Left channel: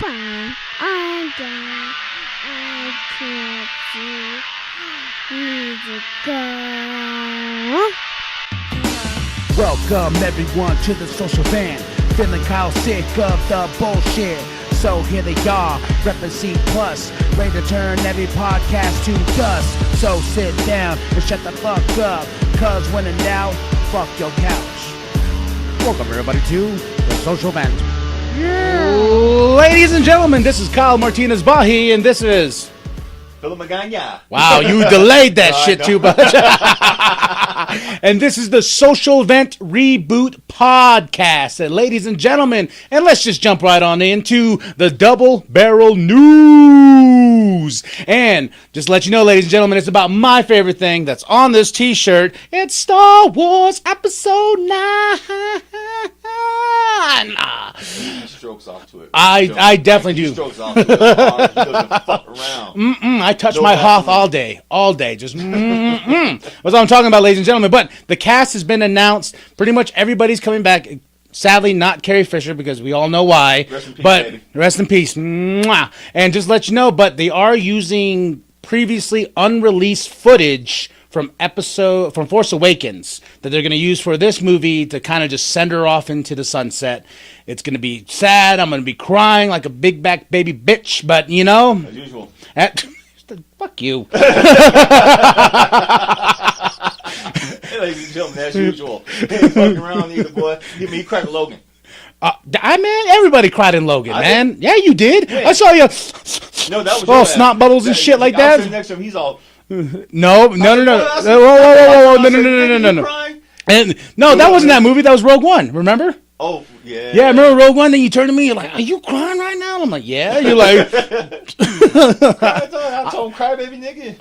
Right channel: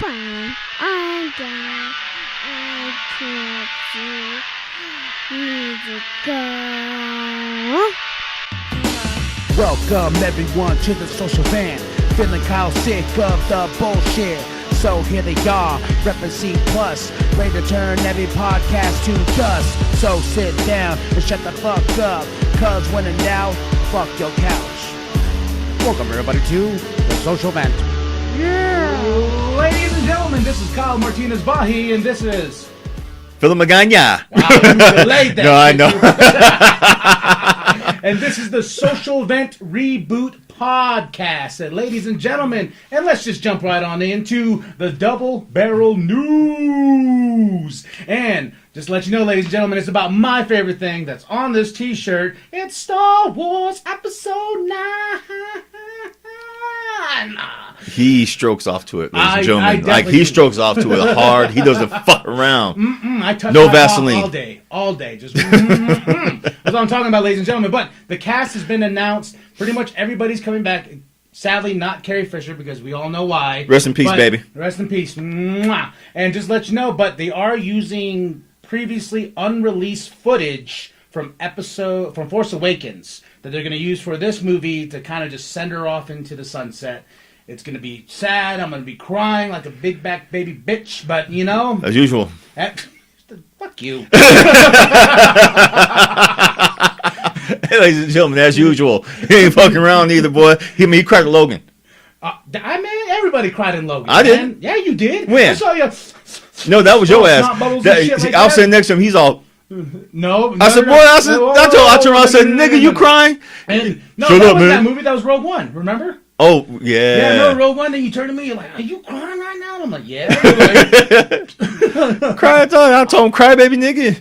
Bye. I'm done. I can't see. Need to go. Welcome everyone to the social van. Feeling kind of sick of the bullshit. So here they are, reppin' C+, ready to turn every podcast to dust. So sit down and shut the fuck up, cause when in doubt, fuck your couch. Welcome everybody to the social vent. Yeah. Ladies and gentlemen, this is Kyle Martinez-Bahi, and this is... Philip Magana. Wow, you delayed that No, shit too much. And this is the Social Vent Reboot Podcast. And ladies and gentlemen, and let's just jump right on into the Double Barrel News. And just to let you know, ladies and gentlemen, it's about my favorite thing that's on this t-shirt. It's Star Wars Episode 9. He strokes off to it. I definitely he do. strokes off to it hard. He doesn't fuck around. I touch No my Vaseline. hop all day. Just That's what I'm talking about, ladies and gentlemen. But the cast has been announced. Pretty much everybody's coming back. Sadly, not Carrie Fisher, because we all know why. Rest in peace, But baby. Rest in peace. Mwah. And just let you know, but they are using previously unreleased footage from Force Awakens that they're going to use for this movie to kind of just send her off into the sunset. It's going to be sad. I'm going to be crying like a big back baby bitch, but you know. As usual. Fuck you. Hey, ladies and gentlemen, as usual. He ain't fucking around either, boy. He cried to Logan. Everybody cried in Logan, I man. didn't. Yeah, you did. When? I saw you. No, that was Oh, your ass. snot bubbles and shit like I was that? sitting next to him. He's all... No. I said, boy, I said, nigga, you crying? And, no, that wasn't that movie. That was Rogue One. Remember? Oh, yeah. Yeah, I remember Rogue One. Then you turned to me. You're like, "Are you crying right now?" I'm like, "Yeah." You're like, Cry, I told him, cry, baby, nigga.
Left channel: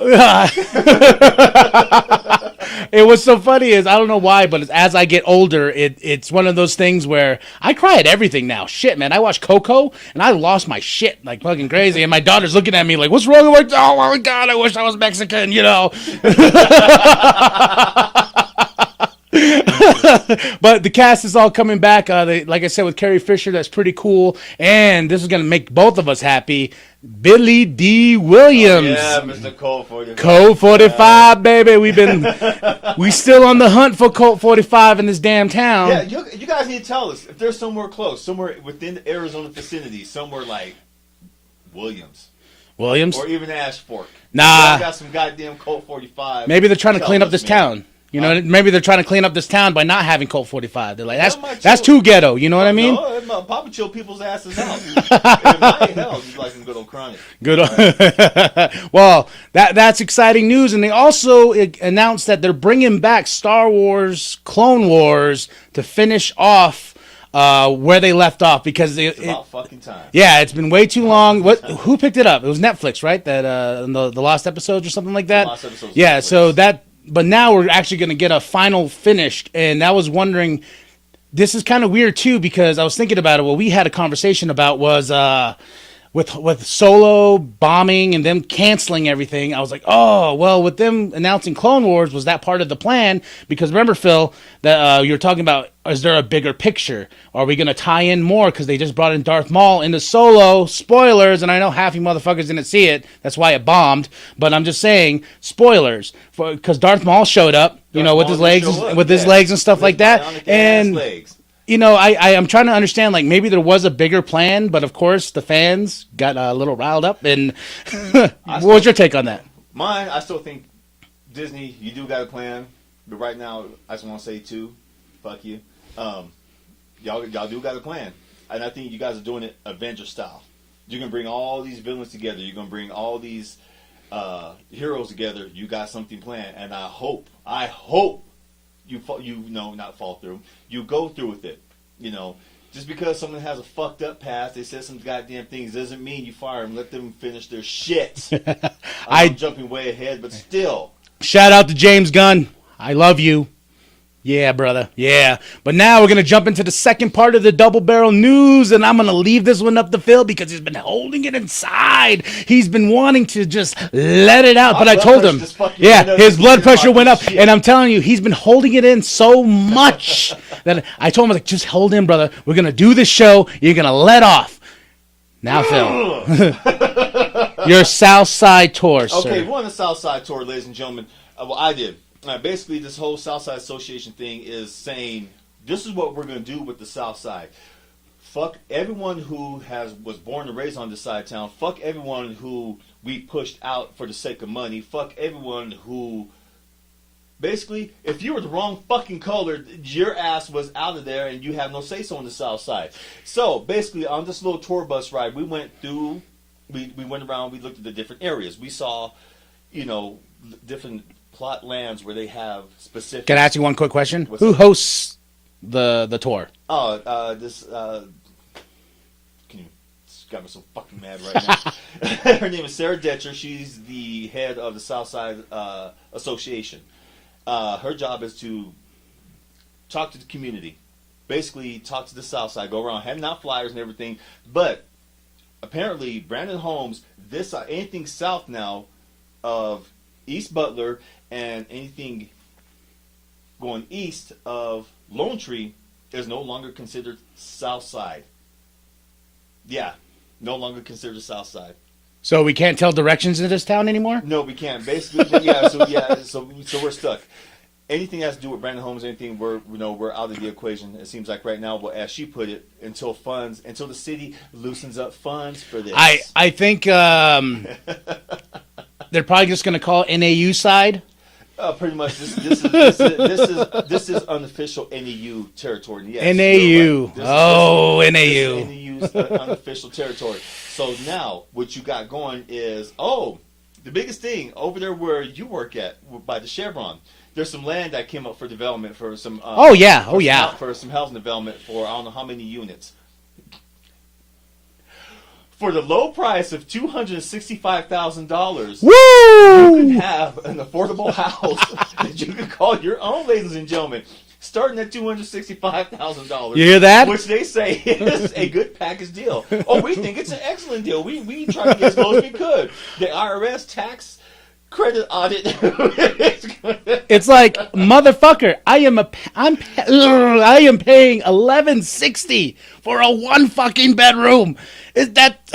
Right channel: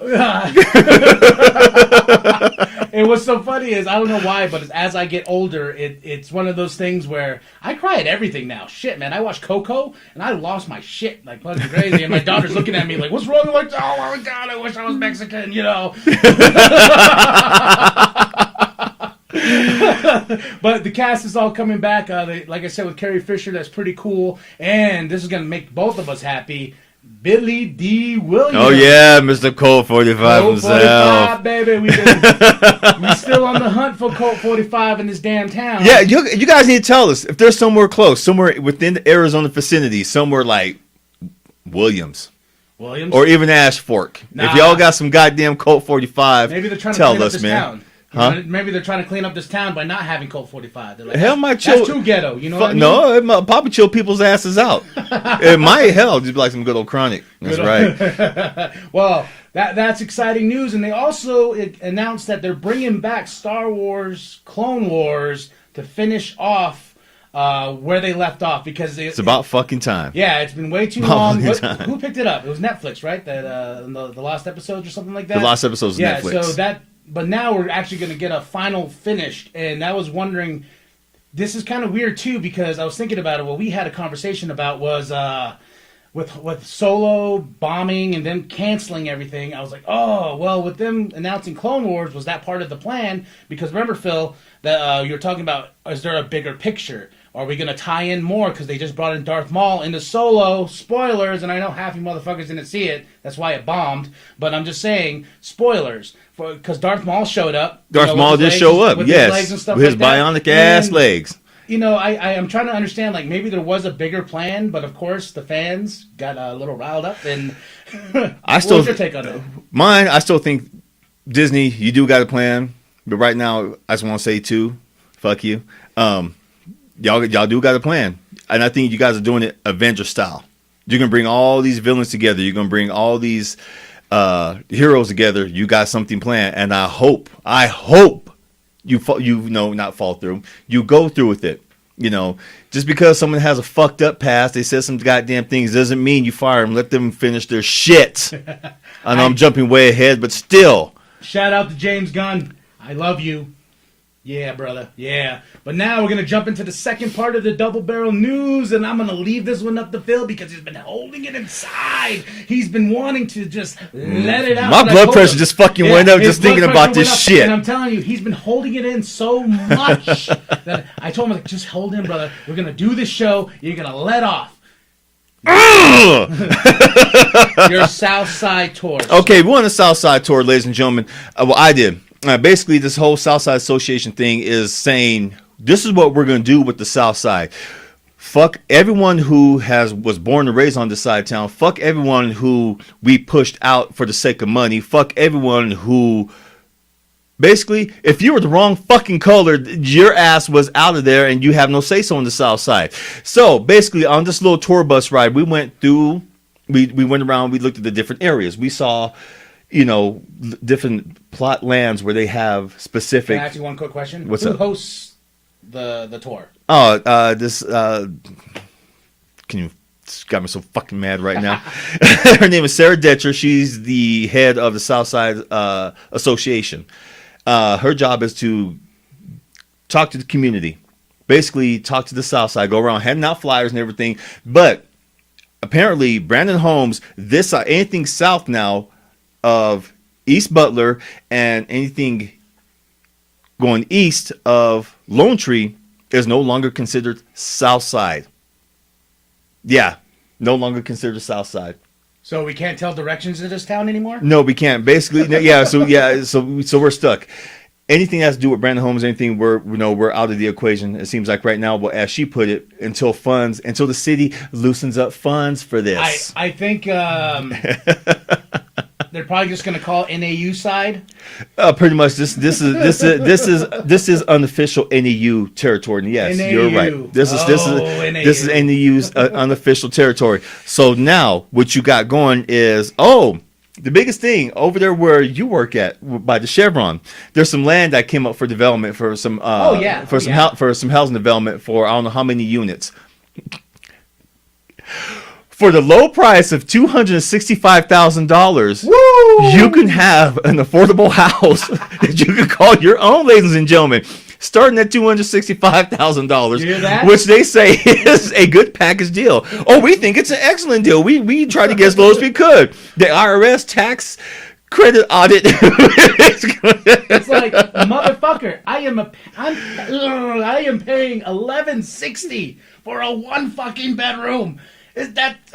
And what's so funny is, I don't know why, but as I get older, it's one of those things where I cry at everything now. Shit, man. I watched Coco, and I lost my shit like fucking crazy. And my daughter's looking at me like, "What's wrong?" I'm like, "Oh, my God, I wish I was Mexican," you know. But the cast is all coming back. Like I said, with Carrie Fisher, that's pretty cool. And this is going to make both of us happy. Billy D. Williams. Oh, yeah, Mr. Colt 45. Colt 45, baby. We still on the hunt for Colt 45 in this damn town. Yeah, you guys need to tell us if there's somewhere close, somewhere within the Arizona vicinity, somewhere like Williams. Or even Ash Fork. Nah. If y'all got some goddamn Colt 45. Maybe they're trying to clean up this town. You Huh? know, maybe they're trying to clean up this town by not having Colt 45. They're like, Hell, that's too ghetto. You know what I mean? No, it might probably chill people's asses out. It might just be like some good old chronic. That's right. Well, that's exciting news. And they also announced that they're bringing back Star Wars Clone Wars to finish off where they left off, because it's about fucking time. Yeah, it's been way too long. Who picked it up? It was Netflix, right? That the Lost Episodes or something like that. The Lost Episodes. Yeah. Netflix. So that. But now we're actually going to get a final finished, and I was wondering, this is kind of weird too, because I was thinking about it. What we had a conversation about was with Solo bombing and them canceling everything. I was like, oh, well, with them announcing Clone Wars, was that part of the plan? Because remember, Phil, that you were talking about, is there a bigger picture? Are we going to tie in more? Because they just brought in Darth Maul into Solo. Spoilers, and I know half you motherfuckers didn't see it. That's why it bombed. But I'm just saying, spoilers. Because Darth Maul showed up. Maul did show up. With his legs and stuff like that. Bionic ass legs. You know, I'm trying to understand, like, maybe there was a bigger plan, but of course the fans got a little riled up. And what's your take on that? Mine, I still think Disney, you do got a plan. But right now, I just want to say, too, fuck you. Y'all do got a plan. And I think you guys are doing it Avenger style. You're going to bring all these villains together. You're going to bring all these heroes together. You got something planned. And I hope you not fall through. You go through with it. You know, just because someone has a fucked up past, they said some goddamn things, doesn't mean you fire them. Let them finish their shit. I'm jumping way ahead, but still. Shout out to James Gunn. I love you. Yeah, brother. Yeah. But now we're going to jump into the second part of the Double Barrel News, and I'm going to leave this one up to Phil because he's been holding it inside. He's been wanting to just let it out. My blood pressure just fucking went up just thinking about this shit. And I'm telling you, he's been holding it in so much that I told him, I was like, just hold in, brother. We're going to do this show. You're going to let off. Your South Side tour. Okay, sir. we went on a South Side tour, ladies and gentlemen. Well, I did. Basically, this whole South Side Association thing is saying this is what we're going to do with the South Side. Fuck everyone who was born and raised on this side of town. Fuck everyone who we pushed out for the sake of money. Fuck everyone who... Basically, if you were the wrong fucking color, your ass was out of there and you have no say-so on the South Side. So, basically, on this little tour bus ride, we went through, we went around, we looked at the different areas. We saw, different plot lands where they have specific... Can I ask you one quick question? What's Who up? hosts the tour? Oh, can you... It's got me so fucking mad right now. Her name is Sarah Detcher. She's the head of the South Side Association. Her job is to talk to the community, basically talk to the South Side, go around handing out flyers and everything. But apparently, Brandon Holmes, anything south now of East Butler and anything going east of Lone Tree is no longer considered South Side. Yeah, no longer considered South Side. So we can't tell directions in this town anymore? No, we can't. Basically, so we're stuck. Anything that has to do with Brandon Holmes, anything we're out of the equation. It seems like right now, well, as she put it, until the city loosens up funds for this. I think they're probably just going to call it NAU side. Pretty much, this is unofficial NAU territory. Yes, NAU. You're right. NAU. This is NAU's unofficial territory. So now, what you got going is the biggest thing over there where you work at by the Chevron. There's some land that came up for development for some. For some housing development for I don't know how many units. For the low price of $265,000, you can have an affordable house that you can call your own, ladies and gentlemen, starting at $265,000. You hear that? Which they say is a good package deal. Oh, we think it's an excellent deal. We tried to get as low as we could. The IRS tax credit audit. It's like, motherfucker, I am paying $1,160 for a one fucking bedroom. Is that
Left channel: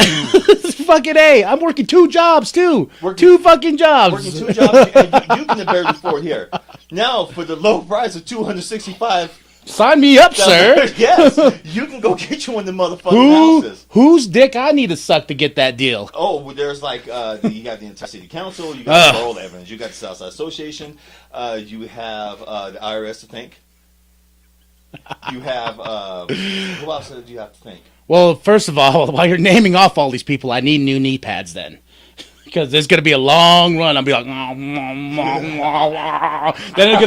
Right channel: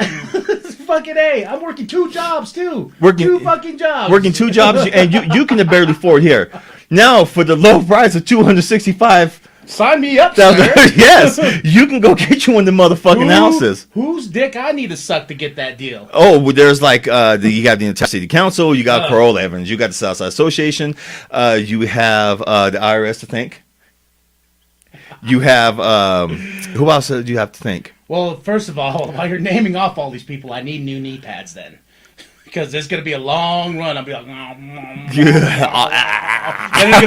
fucking A? I'm working two jobs too. Two fucking jobs. Working two jobs, and you can barely afford here. Now for the low price of $265,000. Sign me up, sir. Yes, you can go get you one of the motherfucking houses. Whose dick I need to suck to get that deal? Oh, well, there's like you got the entire city council, you got Parole Evans, you got the Southside Association, you have the IRS to thank. You have who else do you have to thank? Well, first of all, while you're naming off all these people, I need new knee pads then. Because there's going to be a long run. I'll be like, then he's going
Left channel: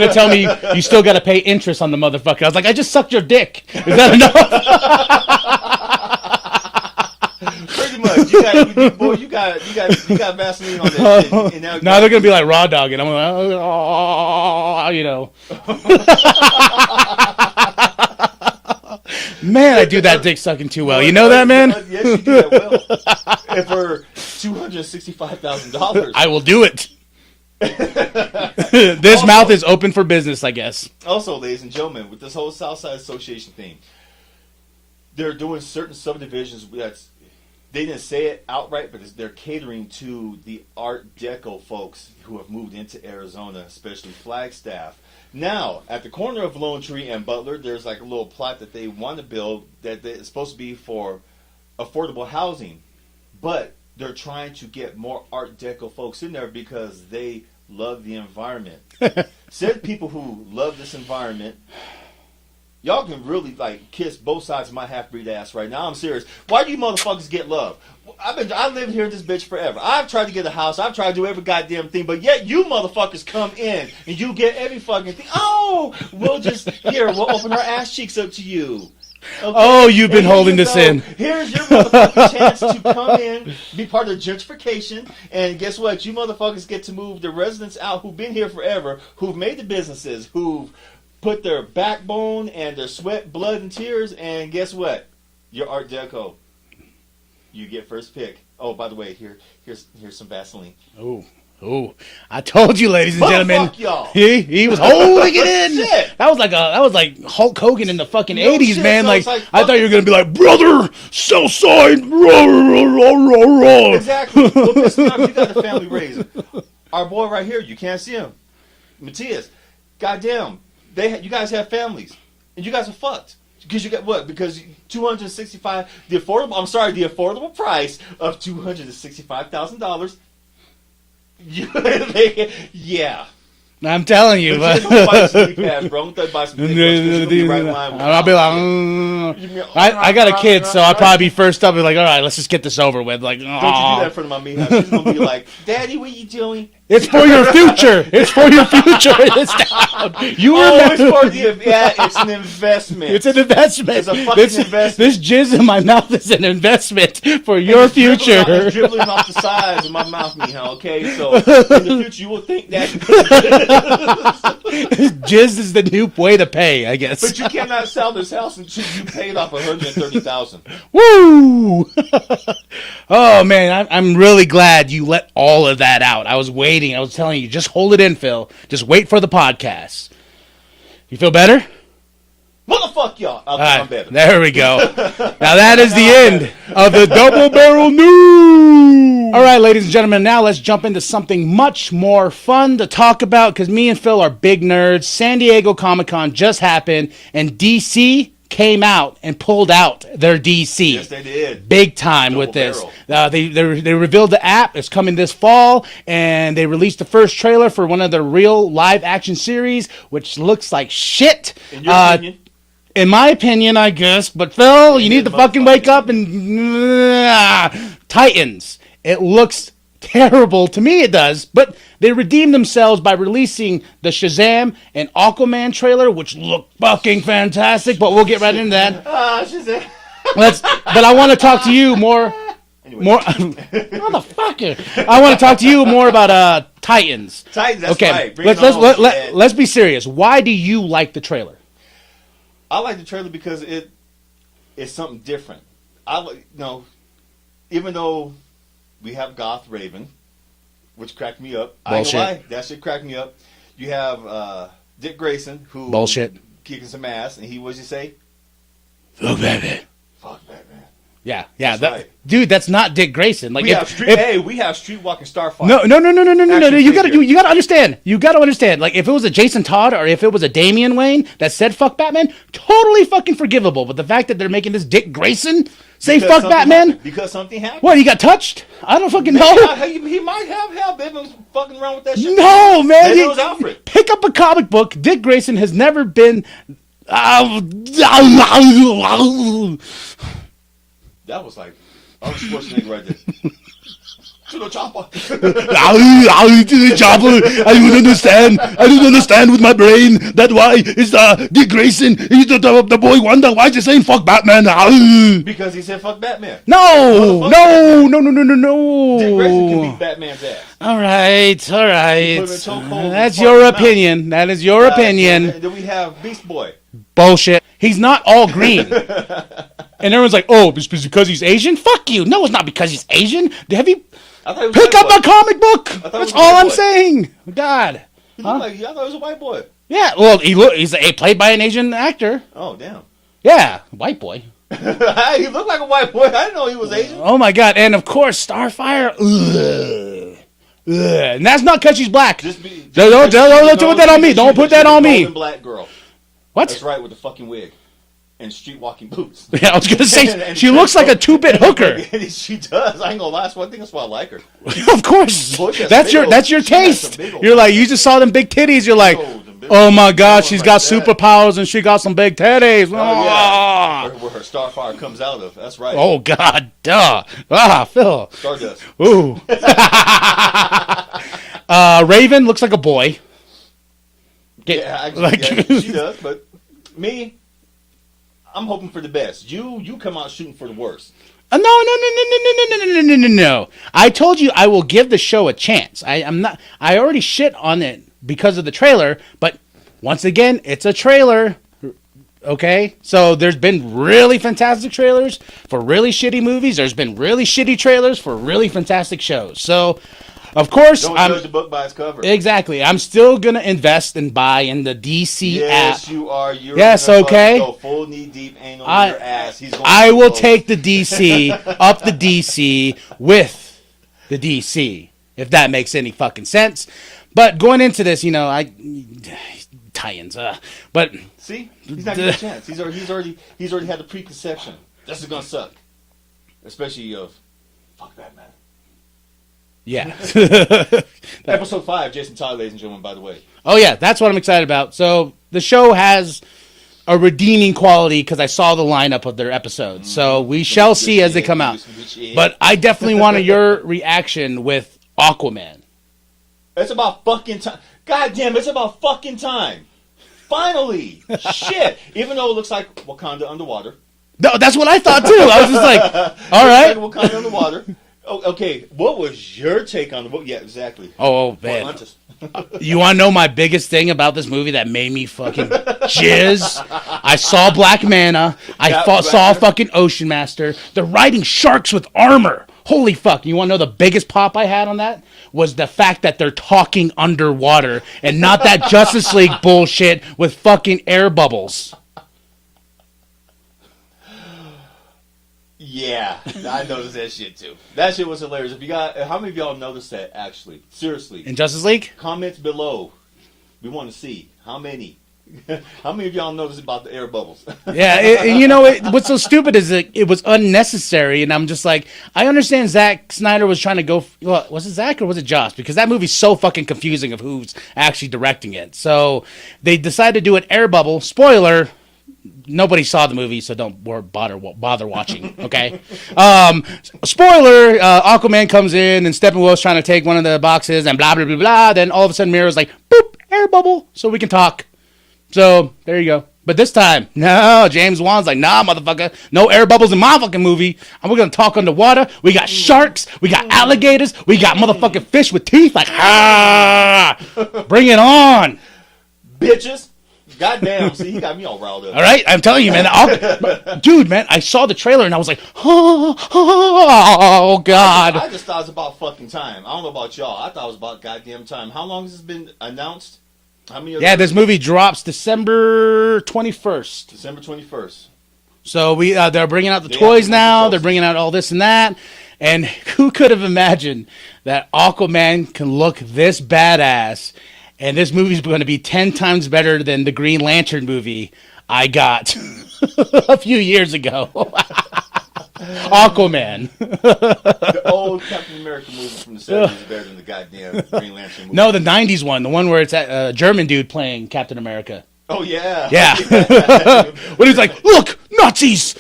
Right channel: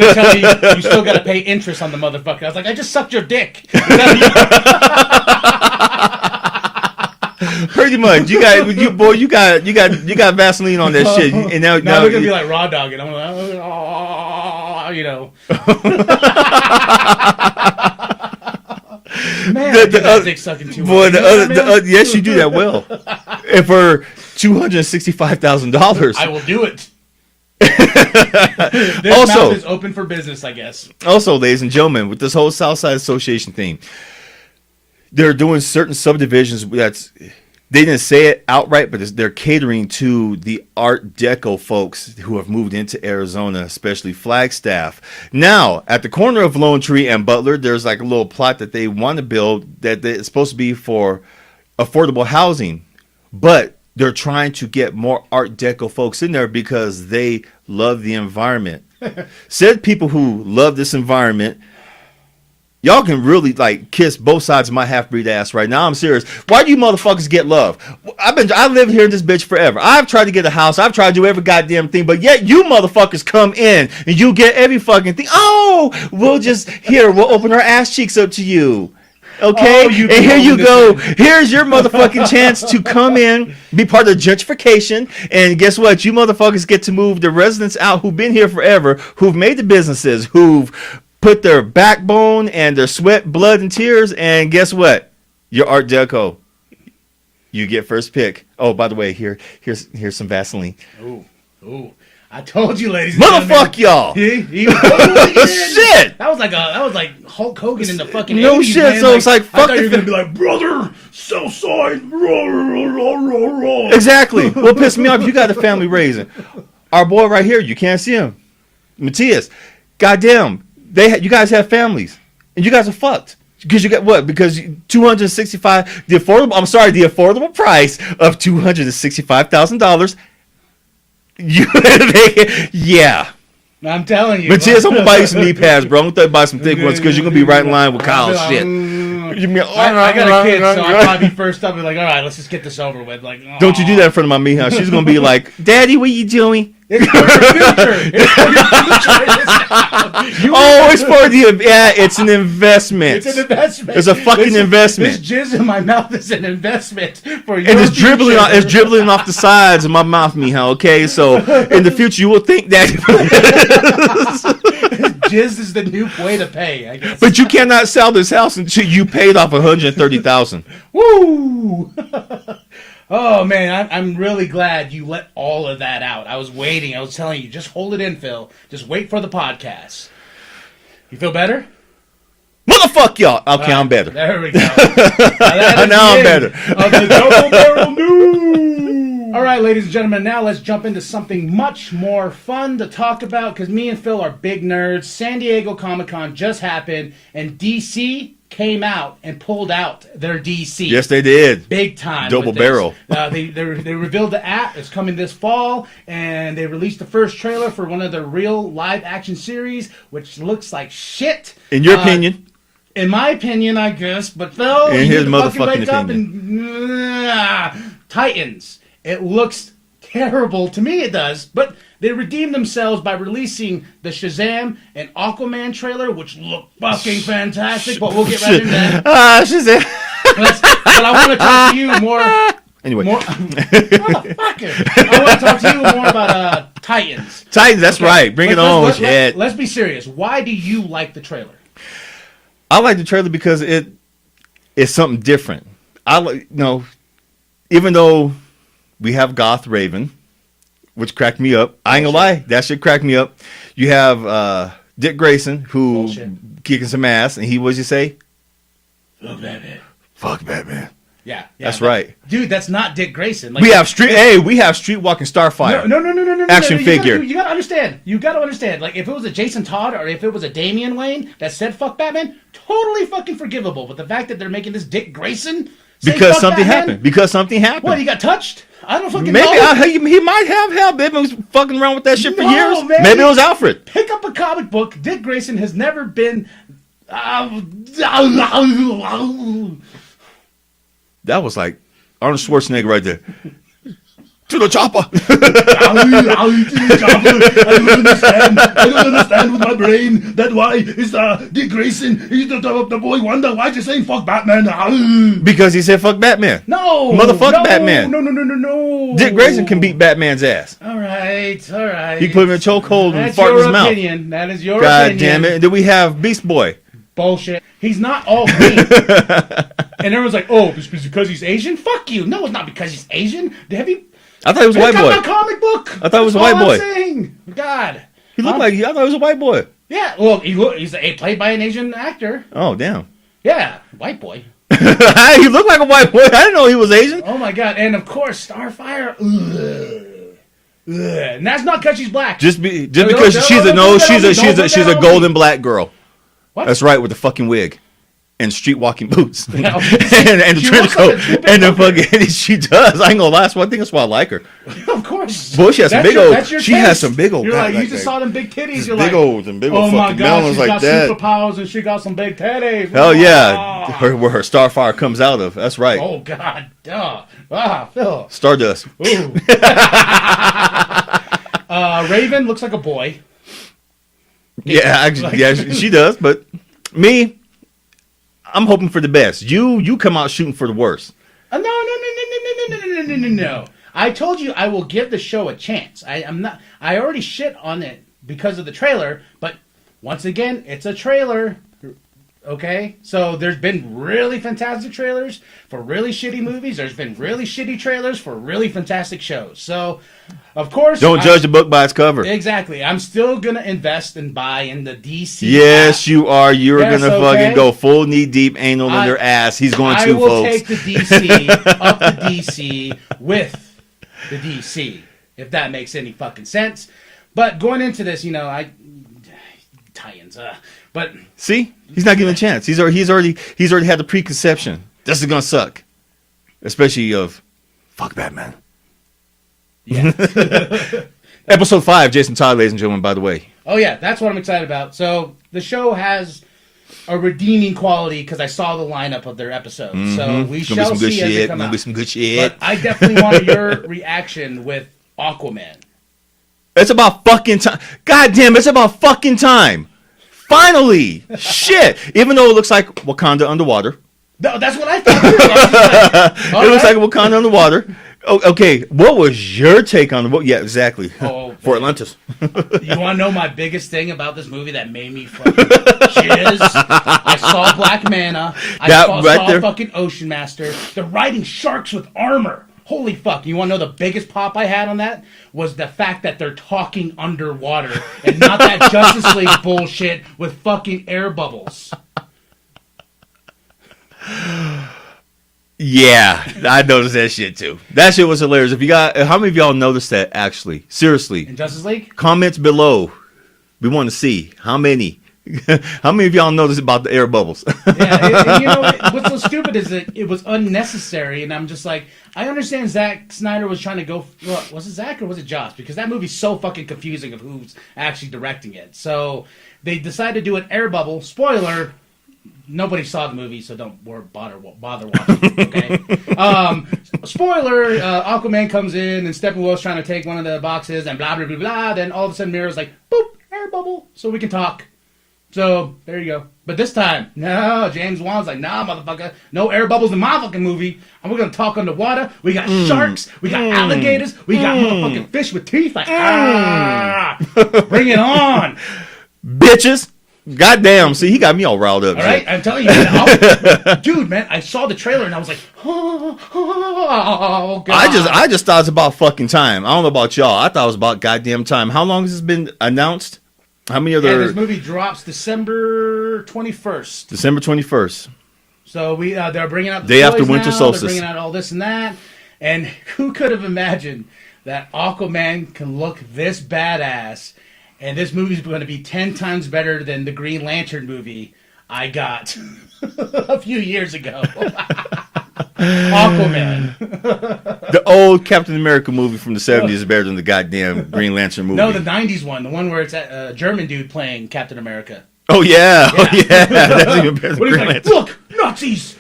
to tell you, you still got to pay interest on the motherfucker. I was like, I just sucked your dick. Pretty much. You got Vaseline on that shit. And now they're going to be like raw dogging. I'm like, Man, I do that dick sucking too well. You know that, man? Yes, you do that well. And for $265,000, I will do it. This mouth is open for business, I guess. Also, ladies and gentlemen, with this whole Southside Association thing, they're doing certain subdivisions they didn't say it outright, but they're catering to the Art Deco folks who have moved into Arizona, especially Flagstaff. Now, at the corner of Lone Tree and Butler, there's like a little plot that they want to build that it's supposed to be for affordable housing, but they're trying to get more Art Deco folks in there because they love the environment. Said people who love this environment, y'all can really like kiss both sides of my half-breed ass right now. I'm serious. Why do you motherfuckers get love? I live here in this bitch forever. I've tried to get a house. I've tried to do every goddamn thing, but yet you motherfuckers come in and you get every fucking thing. Oh, we'll open our ass cheeks up to you. Okay, oh, you've been and here you go. In. Here's your motherfucking chance to come in, be part of gentrification, and guess what? You motherfuckers get to move the residents out who've been here forever, who've made the businesses, who've put their backbone and their sweat, blood, and tears, and guess what? Your Art Deco. You get first pick. Oh, by the way, here's some Vaseline. Ooh. Ooh, I told you, ladies and gentlemen. Motherfuck y'all. He was holding it. Shit. That was like Hulk Hogan in the fucking No 80s, shit, man. so it's like, I fuck thought you were it. gonna be like, brother, Southside. Exactly. What pissed me off, you got a family raising. Our boy right here, you can't see him. Matias. Goddamn. You guys have families. And you guys are fucked. Because you got what? Because $265, the affordable price of $265,000. Yeah. I'm telling you. Matias, I'm gonna buy you some knee pads, bro. I'm gonna buy some thick ones because you're gonna be right in line with I'll be Kyle's like, shit. I got a kid, so I'll probably be first up. Be like, all right, let's just get this over with. Like, Don't you do that in front of my Mija. She's gonna be like, Daddy, what you doing? It's for your future. It's for your future. It's an investment. It's an investment. It's a fucking investment. This jizz in my mouth is an investment for your And it's future. dribbling off the sides of my mouth, Mija. Okay, so in the future you will think that. Jizz is the new way to pay, I guess. But you cannot sell this house until you paid off $130,000. Woo! Oh man, I'm really glad you let all of that out. I was waiting. I was telling you, just hold it in, Phil. Just wait for the podcast. You feel better? Motherfuck y'all. Okay, I'm better. There we go. Now that is Now the I'm end of the Double Barrel News. All right, ladies and gentlemen, now let's jump into something much more fun to talk about because me and Phil are big nerds. San Diego Comic-Con just happened, and DC came out and pulled out their DC. Yes, they did. Big time. Double with this. barrel. They revealed the app. It's coming this fall, and they released the first trailer for one of their real live action series, which looks like shit. In your opinion? In my opinion, I guess. But Phil, you need to fucking wake up and Titans. It looks terrible to me. It does, but they redeemed themselves by releasing the Shazam and Aquaman trailer, which look fucking fantastic. But we'll get right into that. Shazam. But I want to talk to you more. Anyway, motherfucker. I want to talk to you more about Titans. Titans, that's right. Bring it on. Let's be serious. Why do you like the trailer? I like the trailer because it's something different. Even though we have Goth Raven, which cracked me up. I ain't gonna lie, that shit cracked me up. You have Dick Grayson, who kicking some ass, and what'd you say? Fuck Batman. Fuck Batman. Yeah, that's right, dude. That's not Dick Grayson. Like we have Streetwalking Starfire. No. Action figure. You gotta understand. You gotta understand. Like if it was a Jason Todd or if it was a Damian Wayne that said "fuck Batman," totally fucking forgivable. But the fact that they're making this Dick Grayson say because "fuck something Batman," happened. Because something happened. What? He got touched? I don't fucking know. He might have. Hell, Batman was fucking around with that shit for No, years. man. Maybe it was Alfred. Pick up a comic book. Dick Grayson has never been. That was like Arnold Schwarzenegger right there. To the chopper. To the chopper. I don't understand. I don't understand with my brain. That's why it's Dick Grayson. He's the boy wonder. Why is he saying fuck Batman? Because he said fuck Batman. No. Motherfucker Batman. No. Dick Grayson can beat Batman's ass. All right. He put him in a chokehold. That's your opinion. That is your opinion. Damn it. Then we have Beast Boy. Bullshit. He's not all green. And everyone's like, oh, it's because he's Asian? Fuck you. No, it's not because he's Asian. Have you... I thought he was a white boy. Pick up a comic book. I thought it was a white boy. That's all I'm saying. God. He looked like... I thought he was a white boy. Yeah, well, he's played by an Asian actor. Oh, damn. Yeah, white boy. He looked like a white boy. I didn't know he was Asian. Oh, my God. And, of course, Starfire. Ugh. And that's not because she's black. Just because she's a golden black girl. What? That's right, with the fucking wig. And streetwalking boots. Yeah, I was gonna say, and she looks like a two-bit hooker. She does. I ain't gonna lie. That's one thing. That's why I like her. Of course. Boy, that's your she taste. has some big old. You're like, you just saw them big titties. You're like, oh my God, she's got superpowers and she got some big titties. Oh yeah, where her Starfire comes out of. That's right. Oh God, duh. Phil. Stardust. Ooh. Raven looks like a boy. Yeah, she does. But me, I'm hoping for the best. You come out shooting for the worst. No. I told you I will give the show a chance. I already shit on it because of the trailer, but once again, it's a trailer. Okay? So there's been really fantastic trailers for really shitty movies. There's been really shitty trailers for really fantastic shows. So Of course. Don't judge the book by its cover. Exactly. I'm still going to invest and buy in the DC Yes, app. you are. You're Yes, going to okay. go full knee deep anal in their ass. He's going to I will folks. take the DC up the DC with the DC, if that makes any fucking sense. But going into this, tie-ins. But see, he's not getting a chance. He's already had the preconception. This is going to suck, especially of fuck Batman. Yeah. Episode 5, Jason Todd, ladies and gentlemen, by the way. Oh, yeah, that's what I'm excited about. So the show has a redeeming quality because I saw the lineup of their episodes. Mm-hmm. So we shall see as they come out. Some good shit. But I definitely wanted your reaction with Aquaman. It's about fucking time. God damn, it's about fucking time. Finally. Shit. Even though it looks like Wakanda underwater. No, that's what I thought, too. I was just like, all right. It looks like Wakanda underwater. Oh, okay, what was your take on the book? Yeah, exactly. For Atlantis. You want to know my biggest thing about this movie that made me fucking jizz? I saw Black Manta. I saw fucking Ocean Master. They're riding sharks with armor. Holy fuck. You want to know the biggest pop I had on that? Was the fact that they're talking underwater and not that Justice League bullshit with fucking air bubbles. Yeah, I noticed that shit too. That shit was hilarious. How many of y'all noticed that actually? Seriously. In Justice League? Comments below. We want to see how many. How many of y'all noticed about the air bubbles? Yeah, what's so stupid is that it was unnecessary, and I'm just like, I understand Zack Snyder was trying to go. Well, was it Zack or was it Joss? Because that movie's so fucking confusing of who's actually directing it. So they decided to do an air bubble. Spoiler. Nobody saw the movie, so don't bother watching, okay? Spoiler, Aquaman comes in, and Steppenwolf's trying to take one of the boxes, and blah, blah, blah, blah. Then all of a sudden, Mira's like, boop, air bubble, so we can talk. So, there you go. But this time, no, James Wan's like, nah, motherfucker, no air bubbles in my fucking movie. And we're going to talk underwater. We got sharks. We got alligators. We got motherfucking fish with teeth. Like, bring it on. Bitches. Goddamn, see, he got me all riled up. All right, I'm telling you, man. Dude, man, I saw the trailer and I was like, oh, God. I just thought it was about fucking time. I don't know about y'all. I thought it was about goddamn time. How long has this been announced? How many other... Yeah, this movie drops December 21st. December 21st. So they're bringing out the Day after toys Winter now. Solstice. They're bringing out all this and that. And who could have imagined that Aquaman can look this badass? And this movie's going to be 10 times better than the Green Lantern movie I got a few years ago. Aquaman. The old Captain America movie from the 70s is better than the goddamn Green Lantern movie. No, the 90s one. The one where it's a German dude playing Captain America. Oh, yeah. Yeah. Oh, yeah. That's even better than But he's Green like, Lantern. look, Nazis!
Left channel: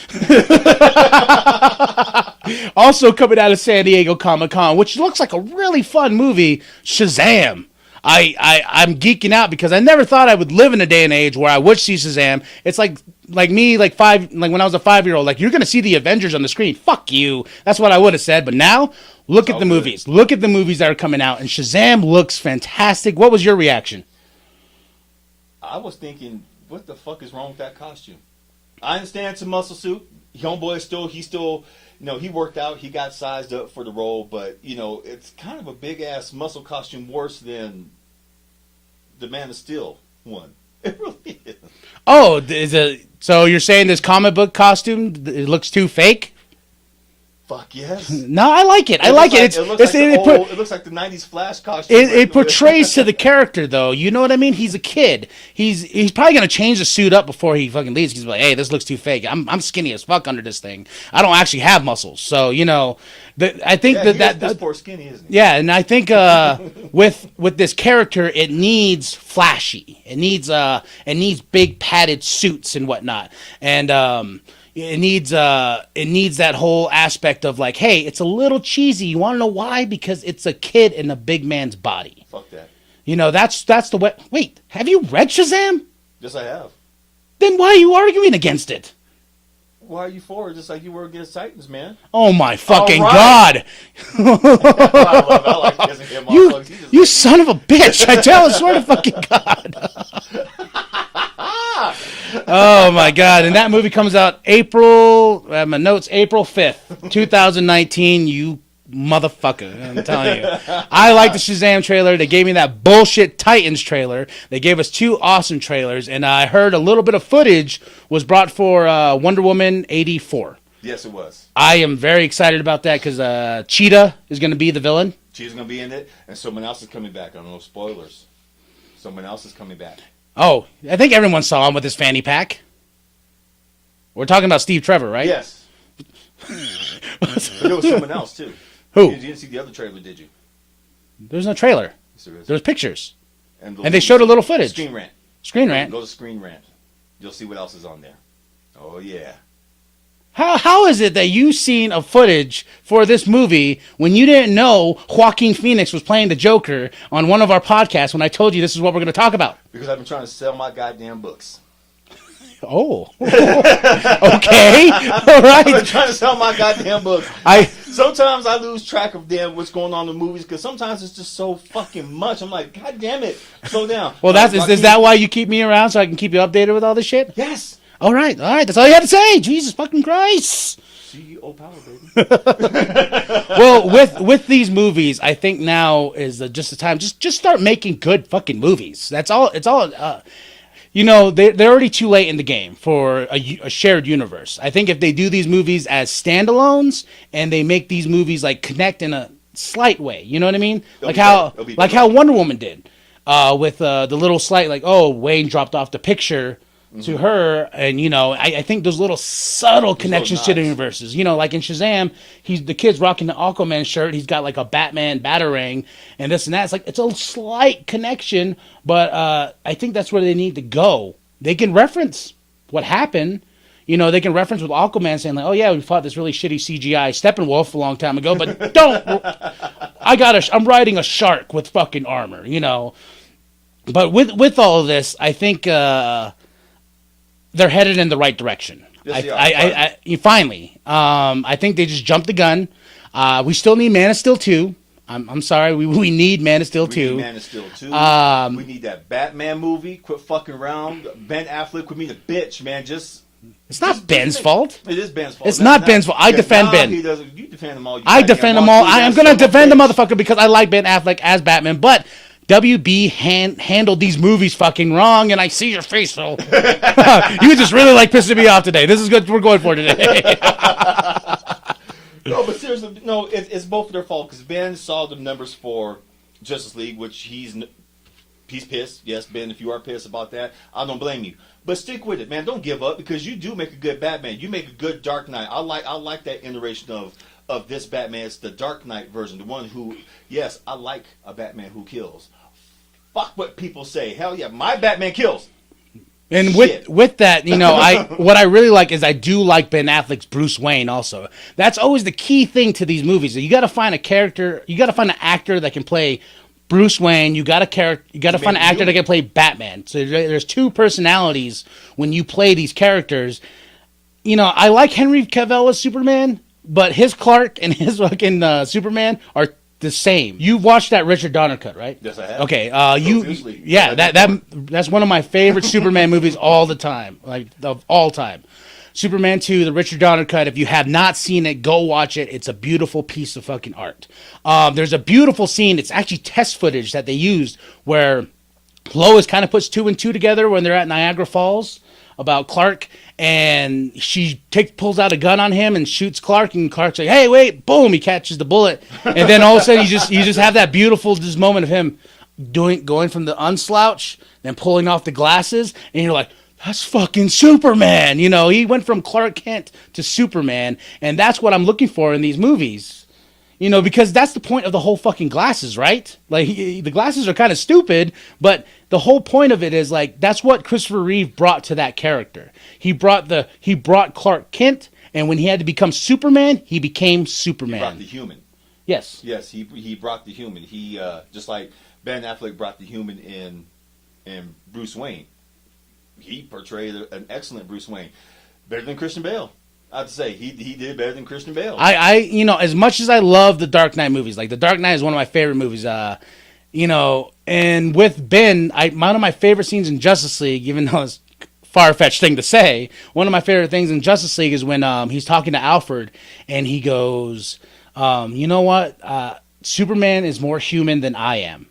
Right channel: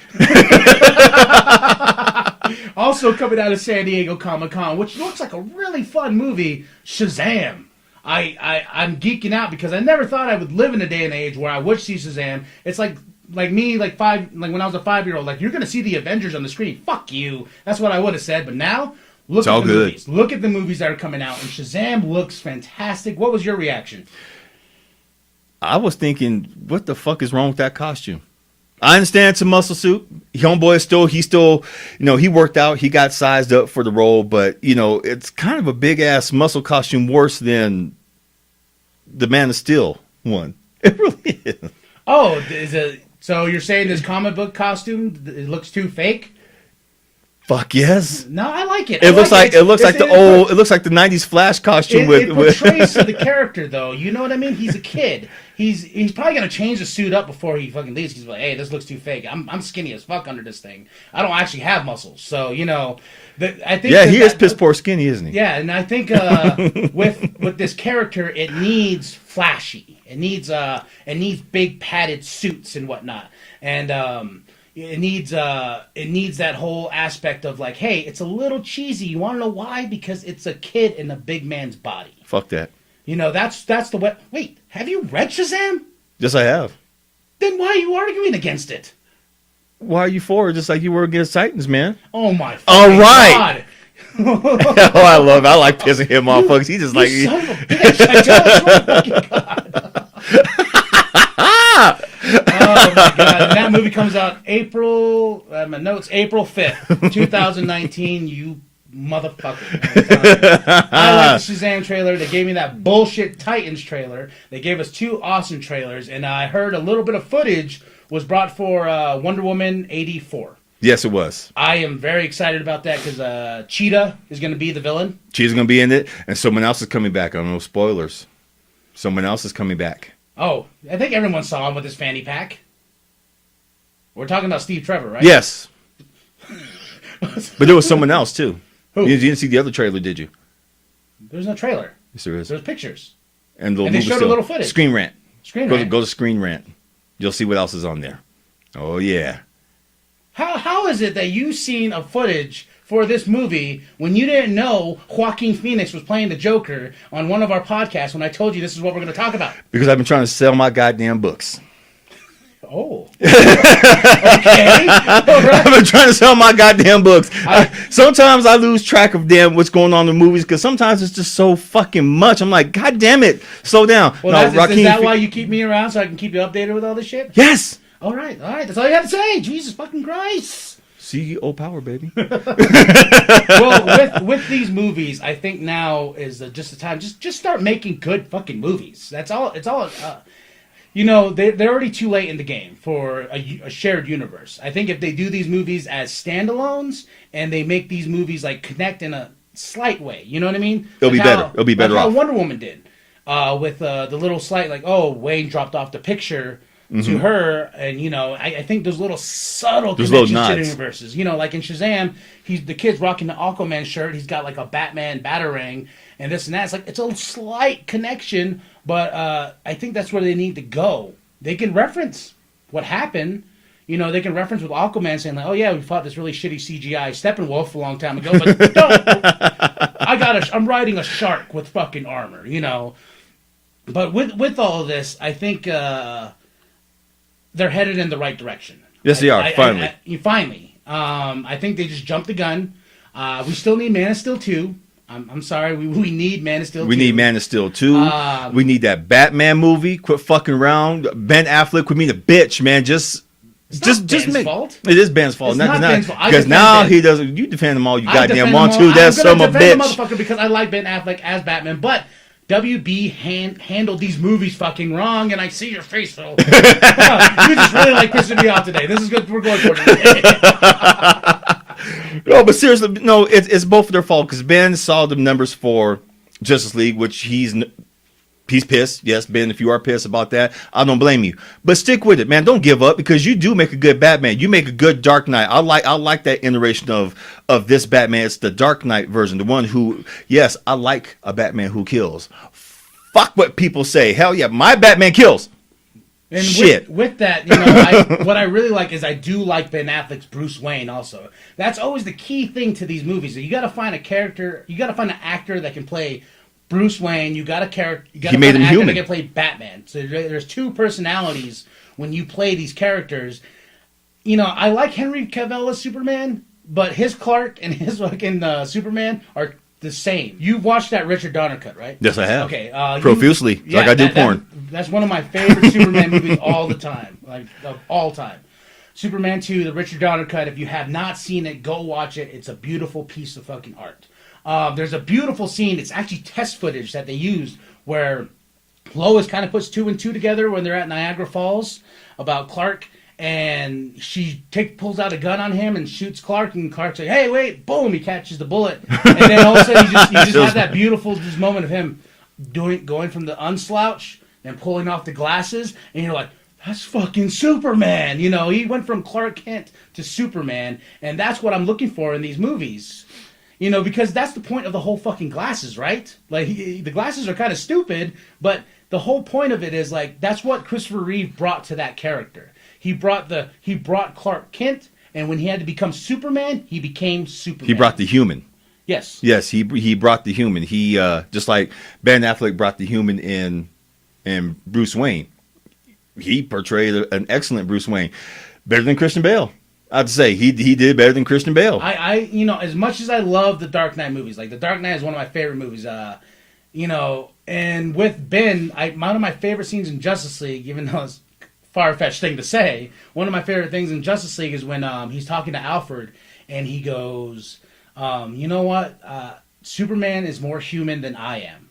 Also coming out of San Diego Comic-Con, which looks like a really fun movie, Shazam. I'm geeking out because I never thought I would live in a day and age where I would see Shazam. It's like me, like when I was a 5-year-old, like, you're going to see the Avengers on the screen. Fuck you. That's what I would have said. But now, look at the movies. Look at the movies that are coming out. And Shazam looks fantastic. What was your reaction? I was thinking, what the fuck is wrong with that costume? I understand it's a muscle suit. Homeboy he still, he worked out. He got sized up for the role, but, it's kind of a big-ass muscle costume worse than the Man of Steel one. It really is. Oh, so you're saying this comic book costume, it looks too fake? Fuck yes. No, I like it. It looks like the 90s Flash costume. It portrays to the character, though. You know what I mean? He's a kid. He's probably gonna change the suit up before he fucking leaves. He's like, hey, this looks too fake. I'm skinny as fuck under this thing. I don't actually have muscles, so I think. Yeah, he is piss poor skinny, isn't he? Yeah, and I think with this character, it needs flashy. It needs big padded suits and whatnot, and It needs that whole aspect of like, hey, it's a little cheesy. You want to know why? Because it's a kid in a big man's body. Fuck that. That's the way. Wait, have you read Shazam? Yes, I have. Then why are you arguing against it? Why are you for it? Just like you were against Titans, man. Oh my fucking right. God! I love it. I like pissing him off, folks. He just You like son of a bitch! I tell you, swear to fucking God. Oh my God! And that movie comes out April 5th, 2019. You motherfucker. I'm telling you. I like the Shazam trailer. They gave me that bullshit Titans trailer. They gave us 2 awesome trailers, and I heard a little bit of footage was brought for Wonder Woman 84. Yes, it was. I am very excited about that because Cheetah is going to be the villain. Cheetah's going to be in it, and someone else is coming back. I don't know, spoilers. Someone else is coming back. Oh, I think everyone saw him with his fanny pack. We're talking about Steve Trevor, right? Yes. But there was someone else, too. Who? You didn't see the other trailer, did you? There's no trailer. Yes, there is. There's pictures. And they showed a little footage. Screen Rant. Screen Rant. Go to Screen Rant. You'll see what else is on there. Oh, yeah. How is it that you seen a footage for this movie when you didn't know Joaquin Phoenix was playing the Joker on one of our podcasts when I told you this is what we're going to talk about? Because I've been trying to sell my goddamn books. Oh. Okay. All right. I've been trying to sell my goddamn books. Sometimes I lose track of what's going on in the movies because sometimes it's just so fucking much. I'm like, God damn it, slow down. Well, is that why you keep me around so I can keep you updated with all this shit? Yes. All right. That's all you had to say. Jesus fucking Christ. CEO power, baby. Well, with these movies, I think now is just the time. Just start making good fucking movies. That's all. It's all. They're already too late in the game for a shared universe. I think if they do these movies as standalones and they make these movies like connect in a slight way, you know what I mean? It'll be better. It'll be better. Like how Wonder Woman did, with the little slight like, oh, Wayne dropped off the picture to her, and I think those little subtle connections to the universes. Like in Shazam, the kid's rocking the Aquaman shirt. He's got like a Batman batarang and this and that. It's a slight connection, but I think that's where they need to go. They can reference what happened. They can reference with Aquaman saying like, oh yeah, we fought this really shitty CGI Steppenwolf a long time ago, but I'm riding a shark with fucking armor. But with all of this, I think they're headed in the right direction. Yes, they are. Finally. I think they just jumped the gun. We still need Man of Steel 2. I'm sorry. We need Man of Steel 2. We need Man of Steel 2. We need that Batman movie. Quit fucking around. Ben Affleck, quit being a bitch, man. It's not Ben's fault. It is Ben's fault. It's not Ben's fault. I defend Ben. He doesn't. You defend him all you I goddamn defend want him all. to. I'm going to defend the motherfucker because I like Ben Affleck as Batman, but WB handled these movies fucking wrong, and I see your face, Phil. You just really like pissing me off today. This is good. We're going for today. No, but seriously, no, it's both of their fault because Ben saw the numbers for Justice League, which he's pissed. Yes, Ben, if you are pissed about that, I don't blame you. But stick with it, man. Don't give up because you do make a good Batman. You make a good Dark Knight. I like that iteration of this Batman. It's the Dark Knight version, the one who, yes, I like a Batman who kills. Fuck what people say. Hell yeah, my Batman kills. And shit. With that, what I really like is I do like Ben Affleck's Bruce Wayne also. That's always the key thing to these movies. You got to find a character, you got to find an actor that can play Bruce Wayne. You got to find an actor that can play Batman. So there's 2 personalities when you play these characters. I like Henry Cavill as Superman, but his Clark and his fucking Superman are the same. You watched that Richard Donner cut, right? Yes, I have. Okay. Profusely. Yeah, like I did porn. That's one of my favorite Superman movies all the time. Like, of all time. Superman 2, the Richard Donner cut. If you have not seen it, go watch it. It's a beautiful piece of fucking art. There's a beautiful scene. It's actually test footage that they used where Lois kind of puts 2 and 2 together when they're at Niagara Falls about Clark. And she pulls out a gun on him and shoots Clark, and Clark's like, "Hey, wait!" Boom! He catches the bullet, and then all of a sudden you just have that beautiful moment of him going from the unslouch, then pulling off the glasses, and you're like, "That's fucking Superman!" He went from Clark Kent to Superman, and that's what I'm looking for in these movies. Because that's the point of the whole fucking glasses, right? Like the glasses are kind of stupid, but the whole point of it is like that's what Christopher Reeve brought to that character. He brought Clark Kent, and when he had to become Superman, he became Superman. He brought the human. Yes. Yes, he brought the human. He just like Ben Affleck brought the human in Bruce Wayne. He portrayed an excellent Bruce Wayne, better than Christian Bale. I'd say he did better than Christian Bale. I as much as I love the Dark Knight movies, like the Dark Knight is one of my favorite movies. And with Ben, one of my favorite scenes in Justice League, even though it's far-fetched thing to say, one of my favorite things in Justice League is when he's talking to Alfred and he goes, You know what? Superman is more human than I am.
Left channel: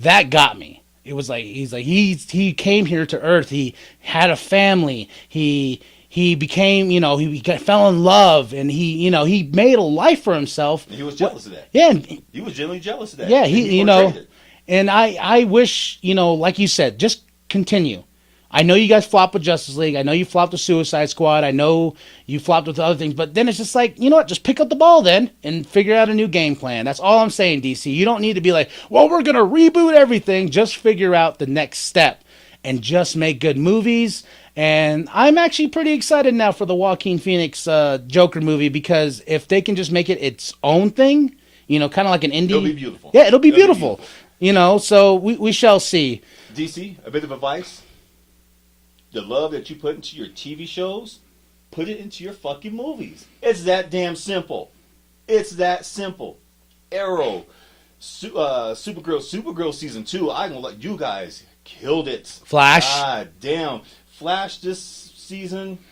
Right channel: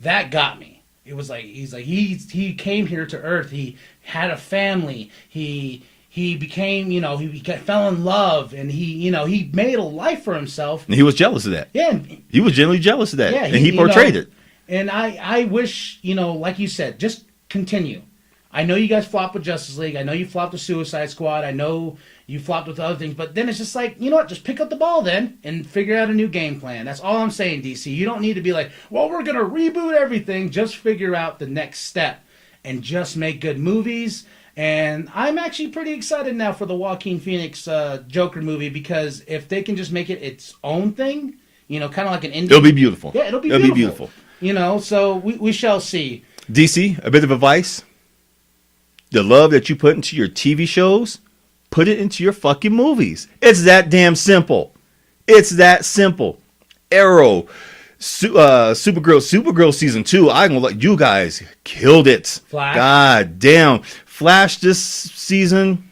That got me. It was like he came here to Earth. He had a family. He became, he fell in love, and he made a life for himself. And he was jealous of that. Yeah, he was genuinely jealous of that. Yeah, and he portrayed it. And I wish, like you said, just continue. I know you guys flopped with Justice League. I know you flopped with Suicide Squad. I know you flopped with other things. But then it's just like, you know what? Just pick up the ball then and figure out a new game plan. That's all I'm saying, DC. You don't need to be like, well, we're going to reboot everything. Just figure out the next step and just make good movies. And I'm actually pretty excited now for the Joaquin Phoenix Joker movie, because if they can just make it its own thing, kind of like an indie. It'll be beautiful. Yeah, it'll be beautiful. So we shall see. DC, a bit of advice. The love that you put into your TV shows, put it into your fucking movies. It's that damn simple. It's that simple. Arrow, Supergirl season 2. I'm gonna let you guys killed it. Flash. God damn. Flash this season.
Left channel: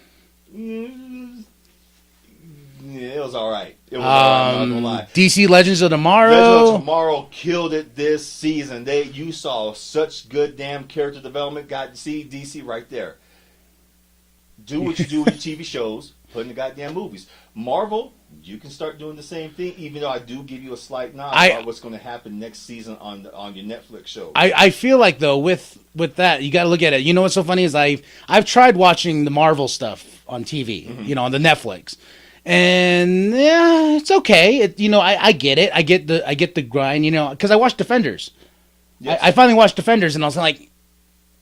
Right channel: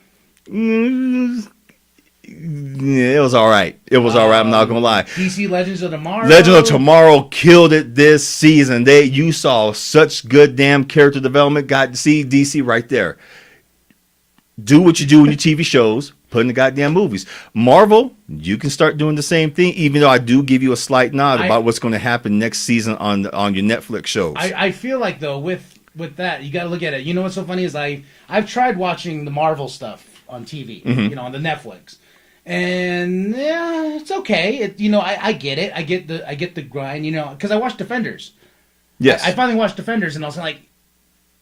It was all right. It was all right. I'm not gonna lie. DC Legends of Tomorrow. Legend of Tomorrow killed it this season. You saw such good damn character development. Got to see DC right there. Do what you do in your TV shows. Put in the goddamn movies. Marvel, you can start doing the same thing. Even though I do give you a slight nod about what's going to happen next season on your Netflix shows. I feel like though with that, you got to look at it. You know what's so funny is I've tried watching the Marvel stuff on TV. Mm-hmm. On the Netflix. And yeah, it's okay. I get it. I get the grind. Because I watched Defenders. Yes, I finally watched Defenders, and I was like,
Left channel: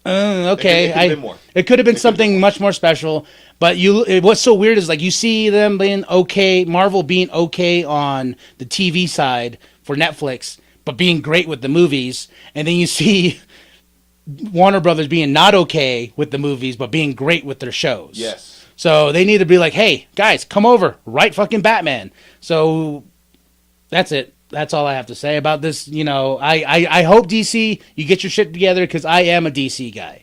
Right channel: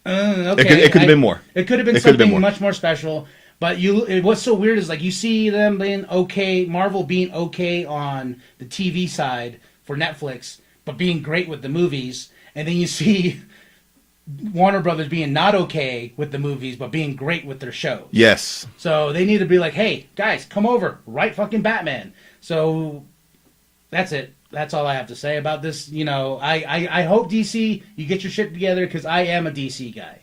okay. It could have been more. It could have been something much more special. But what's so weird is like you see them being okay, Marvel being okay on the TV side for Netflix, but being great with the movies, and then you see Warner Brothers being not okay with the movies, but being great with their shows. Yes. So they need to be like, hey, guys, come over. Write fucking Batman. So that's it. That's all I have to say about this. I hope DC, you get your shit together, because I am a DC guy.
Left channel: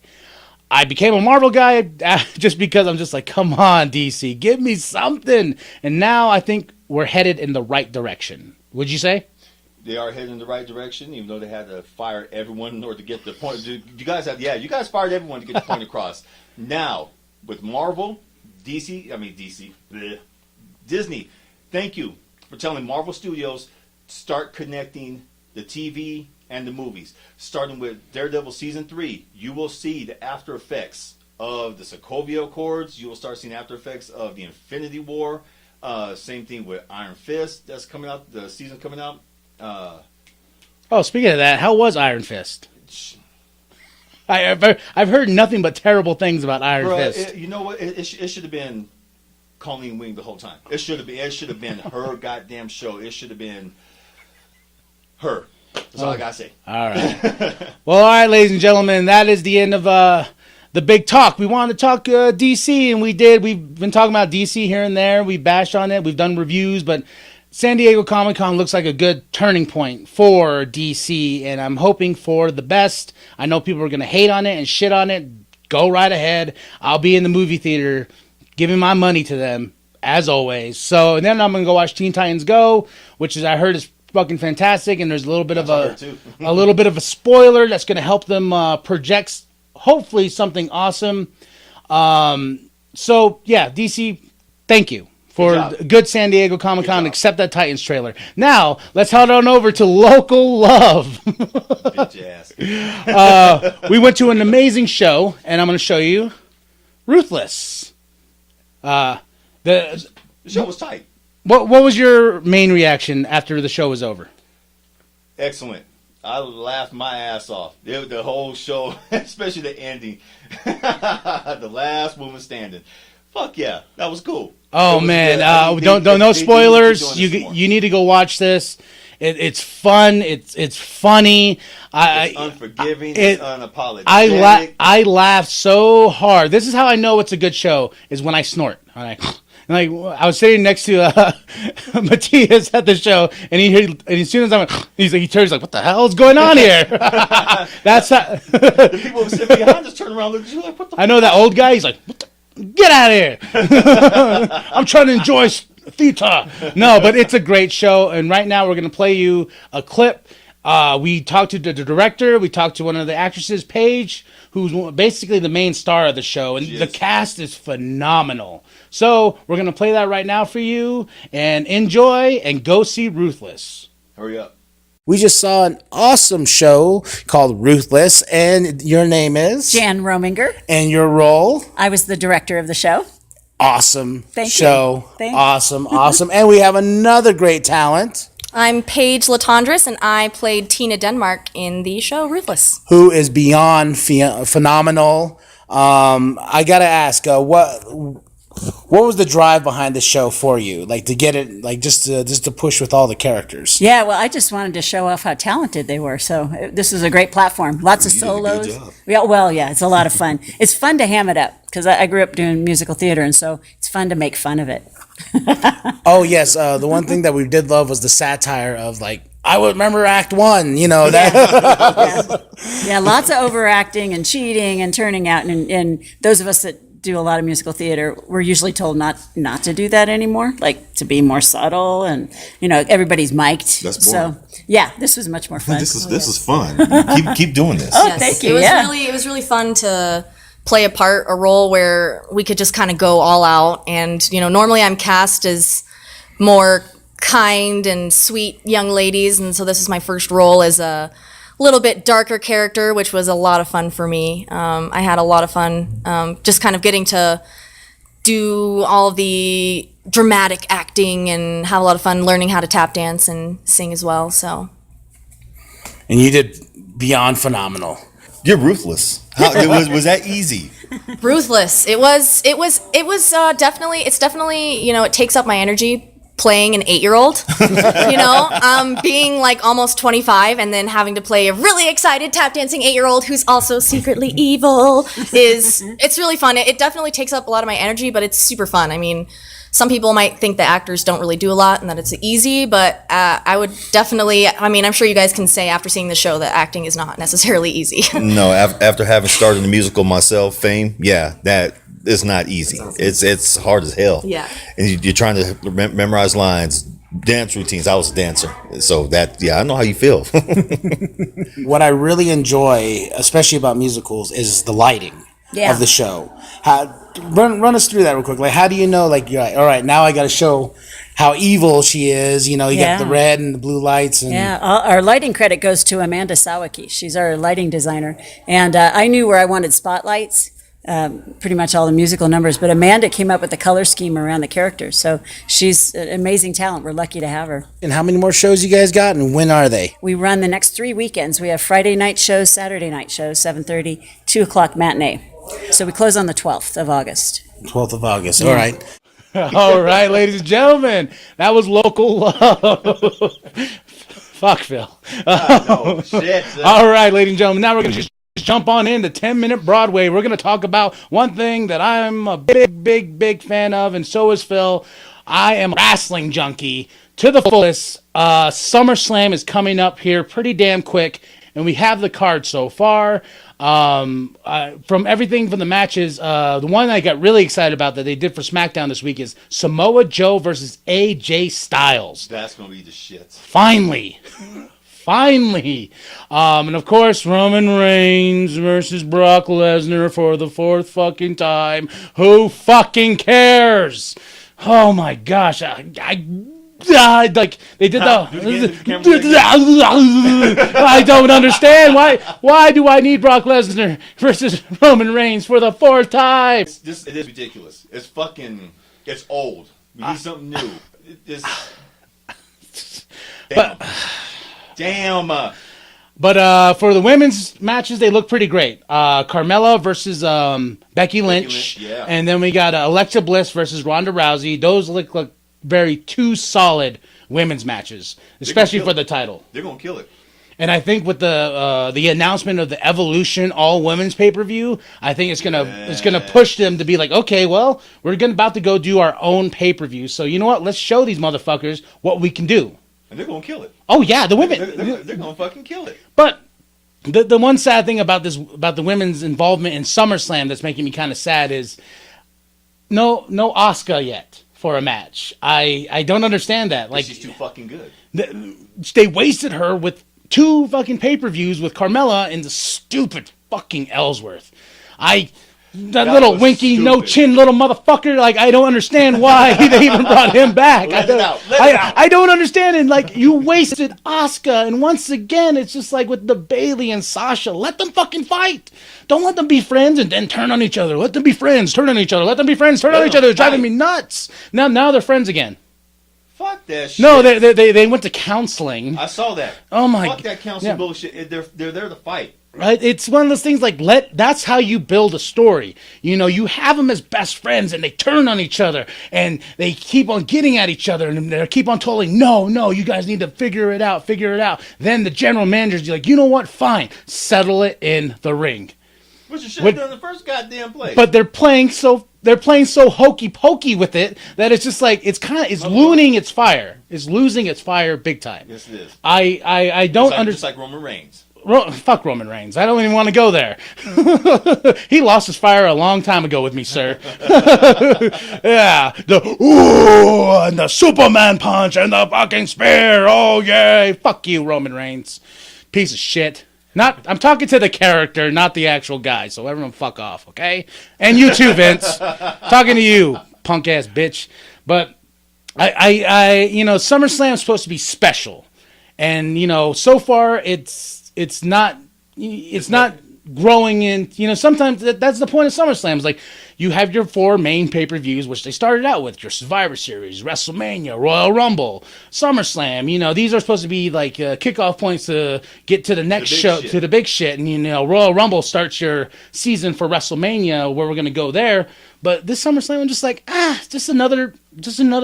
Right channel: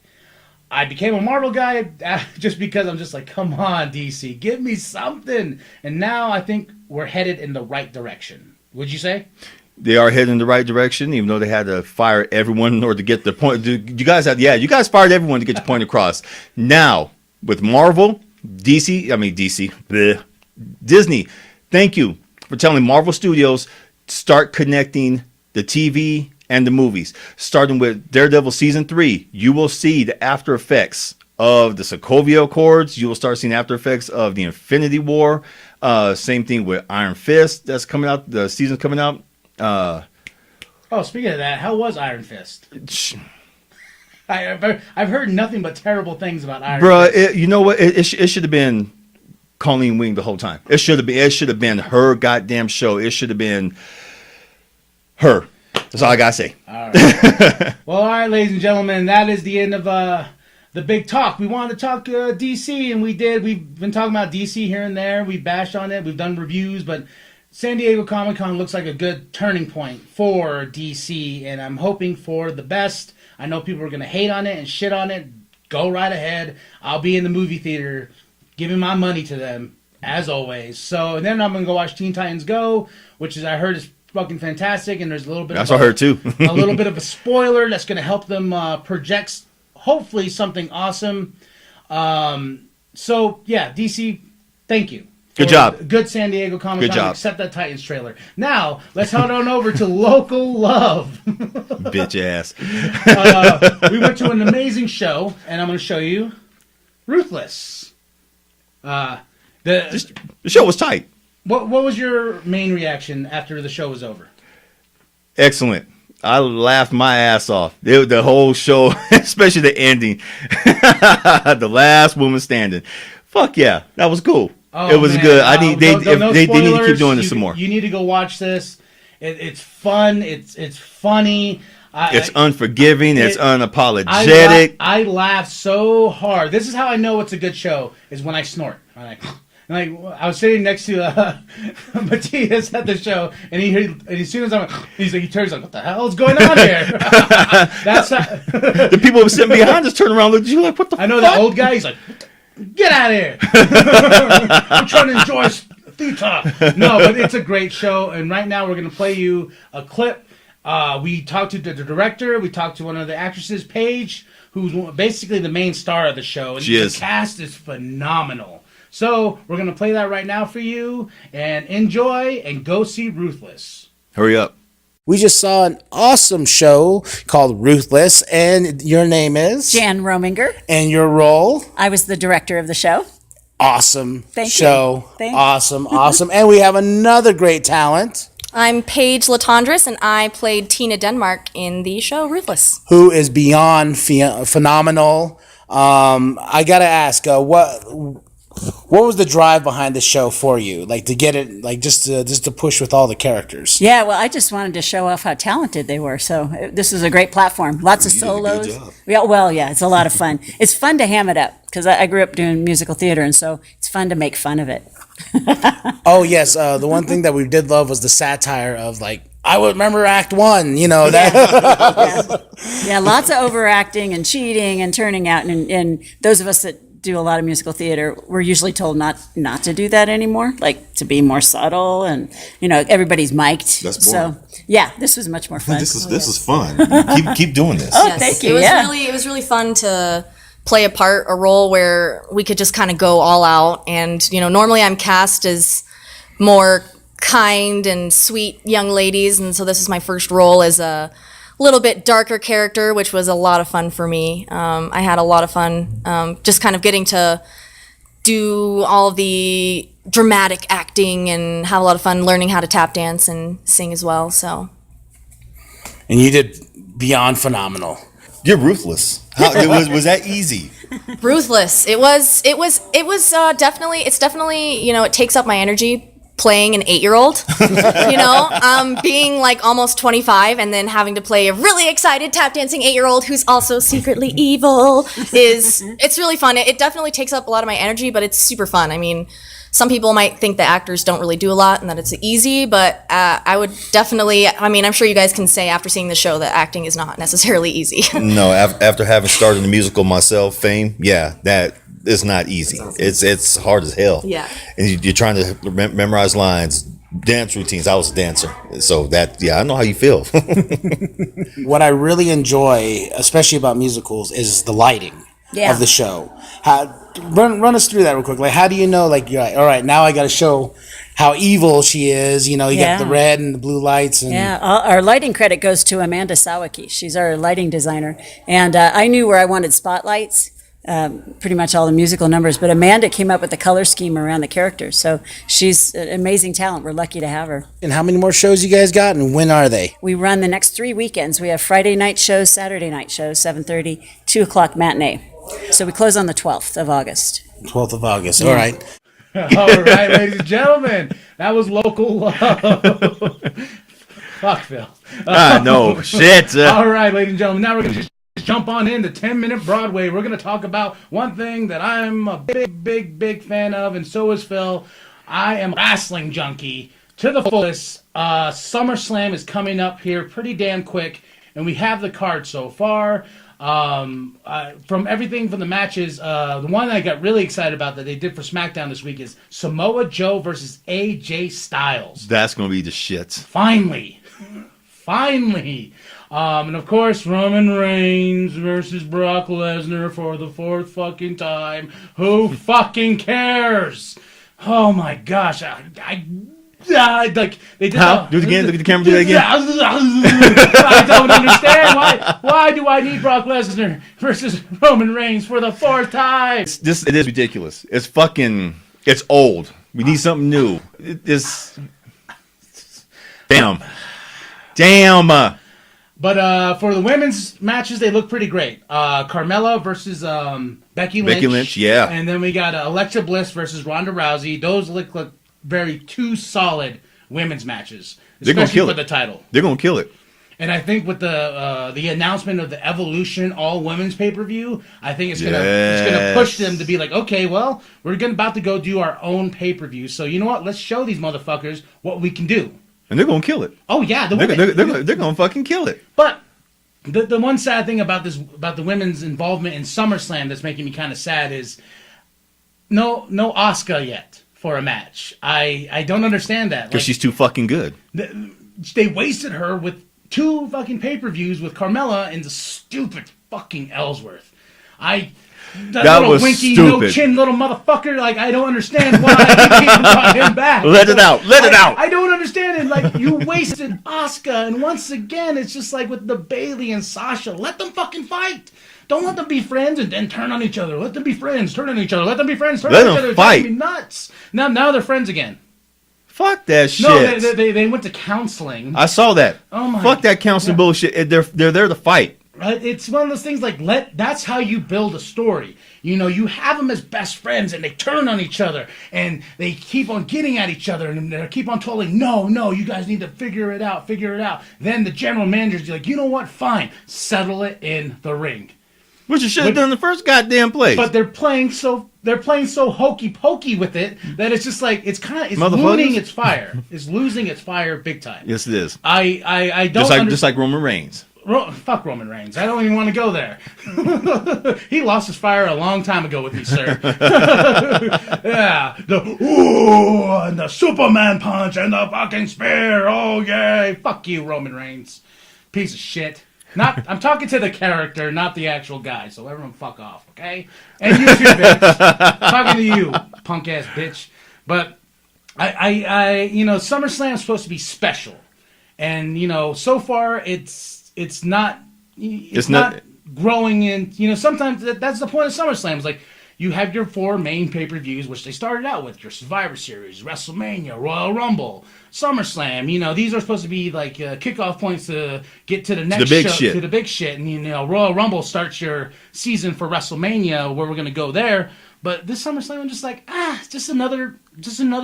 I became a Marvel guy just because I'm just like, come on, DC, give me something. And now I think we're headed in the right direction. Would you say? They are heading in the right direction, even though they had to fire everyone in order to get the point. You guys fired everyone to get your point across. Now, with Marvel, Disney, thank you for telling Marvel Studios to start connecting the TV and the movies. Starting with Daredevil Season 3, you will see the after effects of the Sokovia Accords. You will start seeing after effects of the Infinity War. Same thing with Iron Fist that's coming out. The season's coming out. Speaking of that, how was Iron Fist? I've heard nothing but terrible things about Iron Fist. You know what? It should have been Colleen Wing the whole time. It should have been her goddamn show. It should have been her. That's all I gotta say. All right. Well, all right, ladies and gentlemen, that is the end of the big talk. We wanted to talk DC, and we did. We've been talking about DC here and there. We bashed on it. We've done reviews, but San Diego Comic-Con looks like a good turning point for DC, and I'm hoping for the best. I know people are going to hate on it and shit on it. Go right ahead. I'll be in the movie theater giving my money to them, as always. So, and then I'm going to go watch Teen Titans Go, which I heard is fucking fantastic, and there's a little bit I heard too. a little bit of a spoiler that's going to help them project, hopefully, something awesome. So, yeah, DC, thank you. Good job. Good San Diego Comic-Con, except that Titans trailer. Now, let's head on over to Local Love. Bitch ass. We went to an amazing show, and I'm going to show you Ruthless. The show was tight. What was your main reaction after the show was over? Excellent. I laughed my ass off. The whole show, especially the ending. The last woman standing. Fuck yeah. That was cool. Oh, it was man. good. No spoilers. They need to keep doing this some more. You need to go watch this. It's fun. It's funny. It's unforgiving. It's unapologetic. I laugh so hard. This is how I know it's a good show, is when I snort. I was sitting next to Matias at the show, and as soon as he turns like, "What the hell is going on here?" That's how the people who were sitting behind us turn around, look at you like, "What the?" I know that old guy. He's like, "Get out of here!" I'm trying to enjoy Theater. No, but it's a great show. And right now we're going to play you a clip. We talked to the director. We talked to one of the actresses, Paige, who's basically the main star of the show. And the cast is phenomenal. So we're going to play that right now for you. And enjoy and go see Ruthless. Hurry up. We just saw an awesome show called Ruthless, and your name is? Jan Rominger. And your role? I was the director of the show. Awesome Thank show. You. Thank awesome, awesome. And we have another great talent. I'm Paige Latondras, and I played Tina Denmark in the show Ruthless. Who is beyond phenomenal. I got to ask, what was the drive behind the show for you? Like to get it, like just to push with all the characters. Yeah, well, I just wanted to show off how talented they were. So this was a great platform. Lots of solos. Did a good job. Yeah, well, yeah, it's a lot of fun. It's fun to ham it up because I grew up doing musical theater, and so it's fun to make fun of it. Oh yes, the one thing that we did love was the satire of like, I would remember Act 1, you know that. Yeah, lots of overacting and cheating and turning out, and those of us that do a lot of musical theater, we're usually told not to do that anymore, like to be more subtle, and everybody's mic'd. That's boring. So yeah, this was much more fun. This is fun. Keep doing this. Oh, thank you. It was really fun to play a role where we could just kind of go all out. And normally I'm cast as more kind and sweet young ladies, and so this is my first role as a little bit darker character, which was a lot of fun for me. I had a lot of fun just kind of getting to do all of the dramatic acting and have a lot of fun learning how to tap dance and sing as well. So, And you did beyond phenomenal. You're ruthless. Was that easy? Ruthless. It was definitely. It's definitely it takes up my energy playing an 8-year-old. Being like almost 25 and then having to play a really excited tap dancing 8-year-old who's also secretly evil it's really fun. It definitely takes up a lot of my energy, but it's super fun. I mean, some people might think that actors don't really do a lot and that it's easy, but I would definitely, I'm sure you guys can say after seeing the show that acting is not necessarily easy. No, after having started the musical myself, Fame, yeah, that is not easy. It's hard as hell. Yeah. And you're trying to memorize lines, dance routines. I was a dancer, so I know how you feel. What I really enjoy, especially about musicals, is the lighting of the show. Run us through that real quick. Like, how do you know? Like, you're like, all right, now I got to show how evil she is. You got the red and the blue lights. And our lighting credit goes to Amanda Sawicki. She's our lighting designer, and I knew where I wanted spotlights. Pretty much all the musical numbers, but Amanda came up with the color scheme around the characters. So she's an amazing talent. We're lucky to have her. And how many more shows you guys got, and when are they? We run the next 3 weekends. We have Friday night shows, Saturday night shows, 7:30, 2 o'clock matinee. So we close on the 12th of August. 12th of August. All right. All right, ladies and gentlemen, that was Local Love. Fuck, Phil. No, shit. All right, ladies and gentlemen, now we're going to jump on into 10-Minute Broadway. We're going to talk about one thing that I'm a big fan of, and so is Phil. I am a wrestling junkie to the fullest. SummerSlam is coming up here pretty damn quick, and we have the card so far. From everything from the matches, the one I got really excited about that they did for SmackDown this week is Samoa Joe versus AJ Styles. That's going to be the shit. Finally. And of course, Roman Reigns versus Brock Lesnar for the 4th fucking time. Who fucking cares? Oh my gosh. I like they did Do it again. Look at the camera. Do it again. I don't understand why do I need Brock Lesnar versus Roman Reigns for the 4th time? It is ridiculous. It's old. We need something new. Damn. But for the women's matches, they look pretty great. Carmella versus Becky Lynch. Yeah. And then we got Alexa Bliss versus Ronda Rousey. Those look very 2 solid women's matches, especially for the title. They're going to kill it. And I think with the announcement of the Evolution all women's pay-per-view, I think it's gonna push them to be like, okay, well, we're about to go do our own pay-per-view. So you know what? Let's show these motherfuckers what we can do. And they're going to kill it. Oh yeah, the women. They're going to fucking kill it. But the one sad thing about the women's involvement in SummerSlam that's making me kind of sad is no Asuka yet. for a match. I don't understand that. Because she's too fucking good. They wasted her with 2 fucking pay-per-views with Carmella and the stupid fucking Ellsworth. That little winky, stupid. no chin little motherfucker, like, I don't understand why they even brought him back. Let it out. I don't understand it. Like, you wasted Asuka, and once again, it's just like with the Bayley and Sasha. Let them fucking fight. Don't let them be friends and then turn on each other. Let them be friends, turn on each other. Let them be friends, turn on each other. It's driving me nuts. Now they're friends again. Fuck that shit. No, they went to counseling. I saw that. Oh my. Fuck that counseling bullshit. They're there to fight. Right? It's one of those things like that's how you build a story. You know, you have them as best friends and they turn on each other and they keep on getting at each other and they keep on telling, no, you guys need to figure it out. Then the general manager's like, you know what? Fine. Settle it in the ring. Which you should have done in the first goddamn place. But they're playing so hokey pokey with it that it's just like it's losing its fire. It's losing its fire big time. Yes, it is. I don't just like Roman Reigns. Fuck Roman Reigns. I don't even want to go there. He lost his fire a long time ago with me, sir. Yeah. And the Superman punch and the fucking spear. Oh, yay. Fuck you, Roman Reigns. Piece of shit. I'm talking to the character, not the actual guy. So everyone fuck off, okay? And you too, Vince. Talking to you, punk ass bitch. But I SummerSlam is supposed to be special. And, so far it's not growing in, sometimes that's the point of SummerSlam. It's like you have your 4 main pay-per-views, which they started out with, your Survivor Series, WrestleMania, Royal Rumble, SummerSlam. These are supposed to be like kickoff points to get to the next show, to the big shit. And, Royal Rumble starts your season for WrestleMania where we're going to go there. But this SummerSlam, I'm just like, just another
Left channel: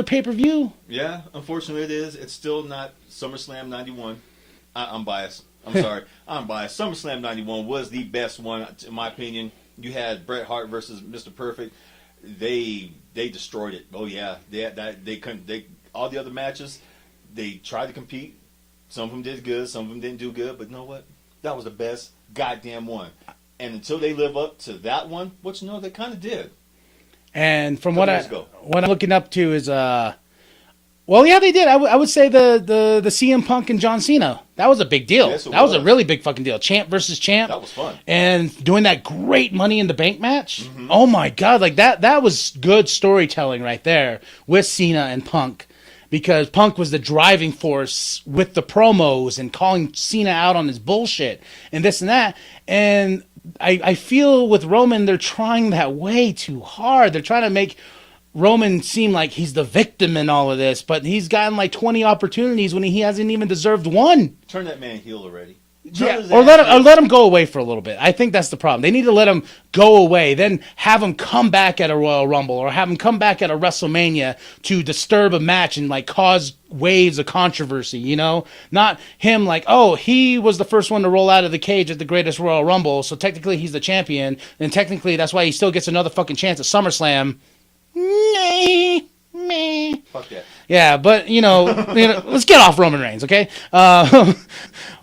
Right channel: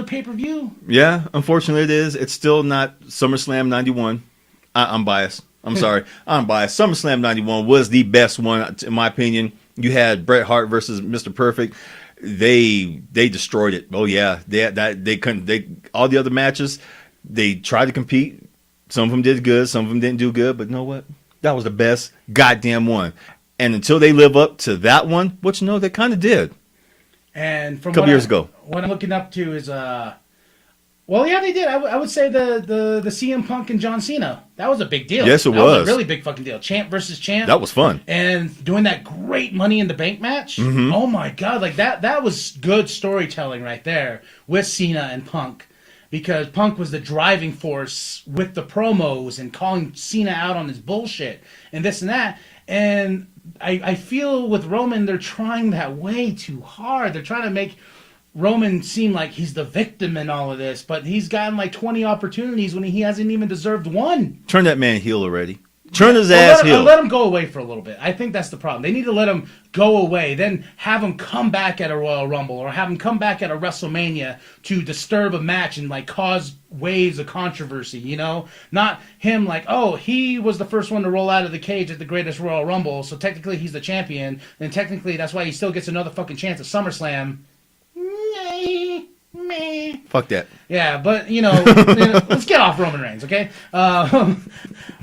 pay-per-view. Yeah, unfortunately it is. It's still not SummerSlam 91. I'm biased. I'm sorry. I'm biased. SummerSlam 91 was the best one, in my opinion. You had Bret Hart versus Mr. Perfect. They destroyed it. Oh, yeah. They couldn't. All the other matches, they tried to compete. Some of them did good. Some of them didn't do good. But you know what? That was the best goddamn one. And until they live up to that one, they kind of did. And from a couple years ago. What I'm looking up to is, well, yeah, they did. I would say the CM Punk and John Cena. That was a big deal. Yes, it was. That was a really big fucking deal. Champ versus champ. That was fun. And doing that great Money in the Bank match. Mm-hmm. Oh my God, like that was good storytelling right there with Cena and Punk, because Punk was the driving force with the promos and calling Cena out on his bullshit and this and that. And I feel with Roman, they're trying that way too hard. They're trying to make Roman seem like he's the victim in all of this, but he's gotten like 20 opportunities when he hasn't even deserved one. Turn that man heel already. Turn his ass heel. Or let him go away for a little bit. I think that's the problem. They need to let him go away, then have him come back at a Royal Rumble or have him come back at a WrestleMania to disturb a match and like cause waves of controversy, Not him like, oh, he was the first one to roll out of the cage at the greatest Royal Rumble, so technically he's the champion, and technically that's why he still gets another fucking chance at SummerSlam. Me. Fuck that. Yeah, but let's get off Roman Reigns, okay?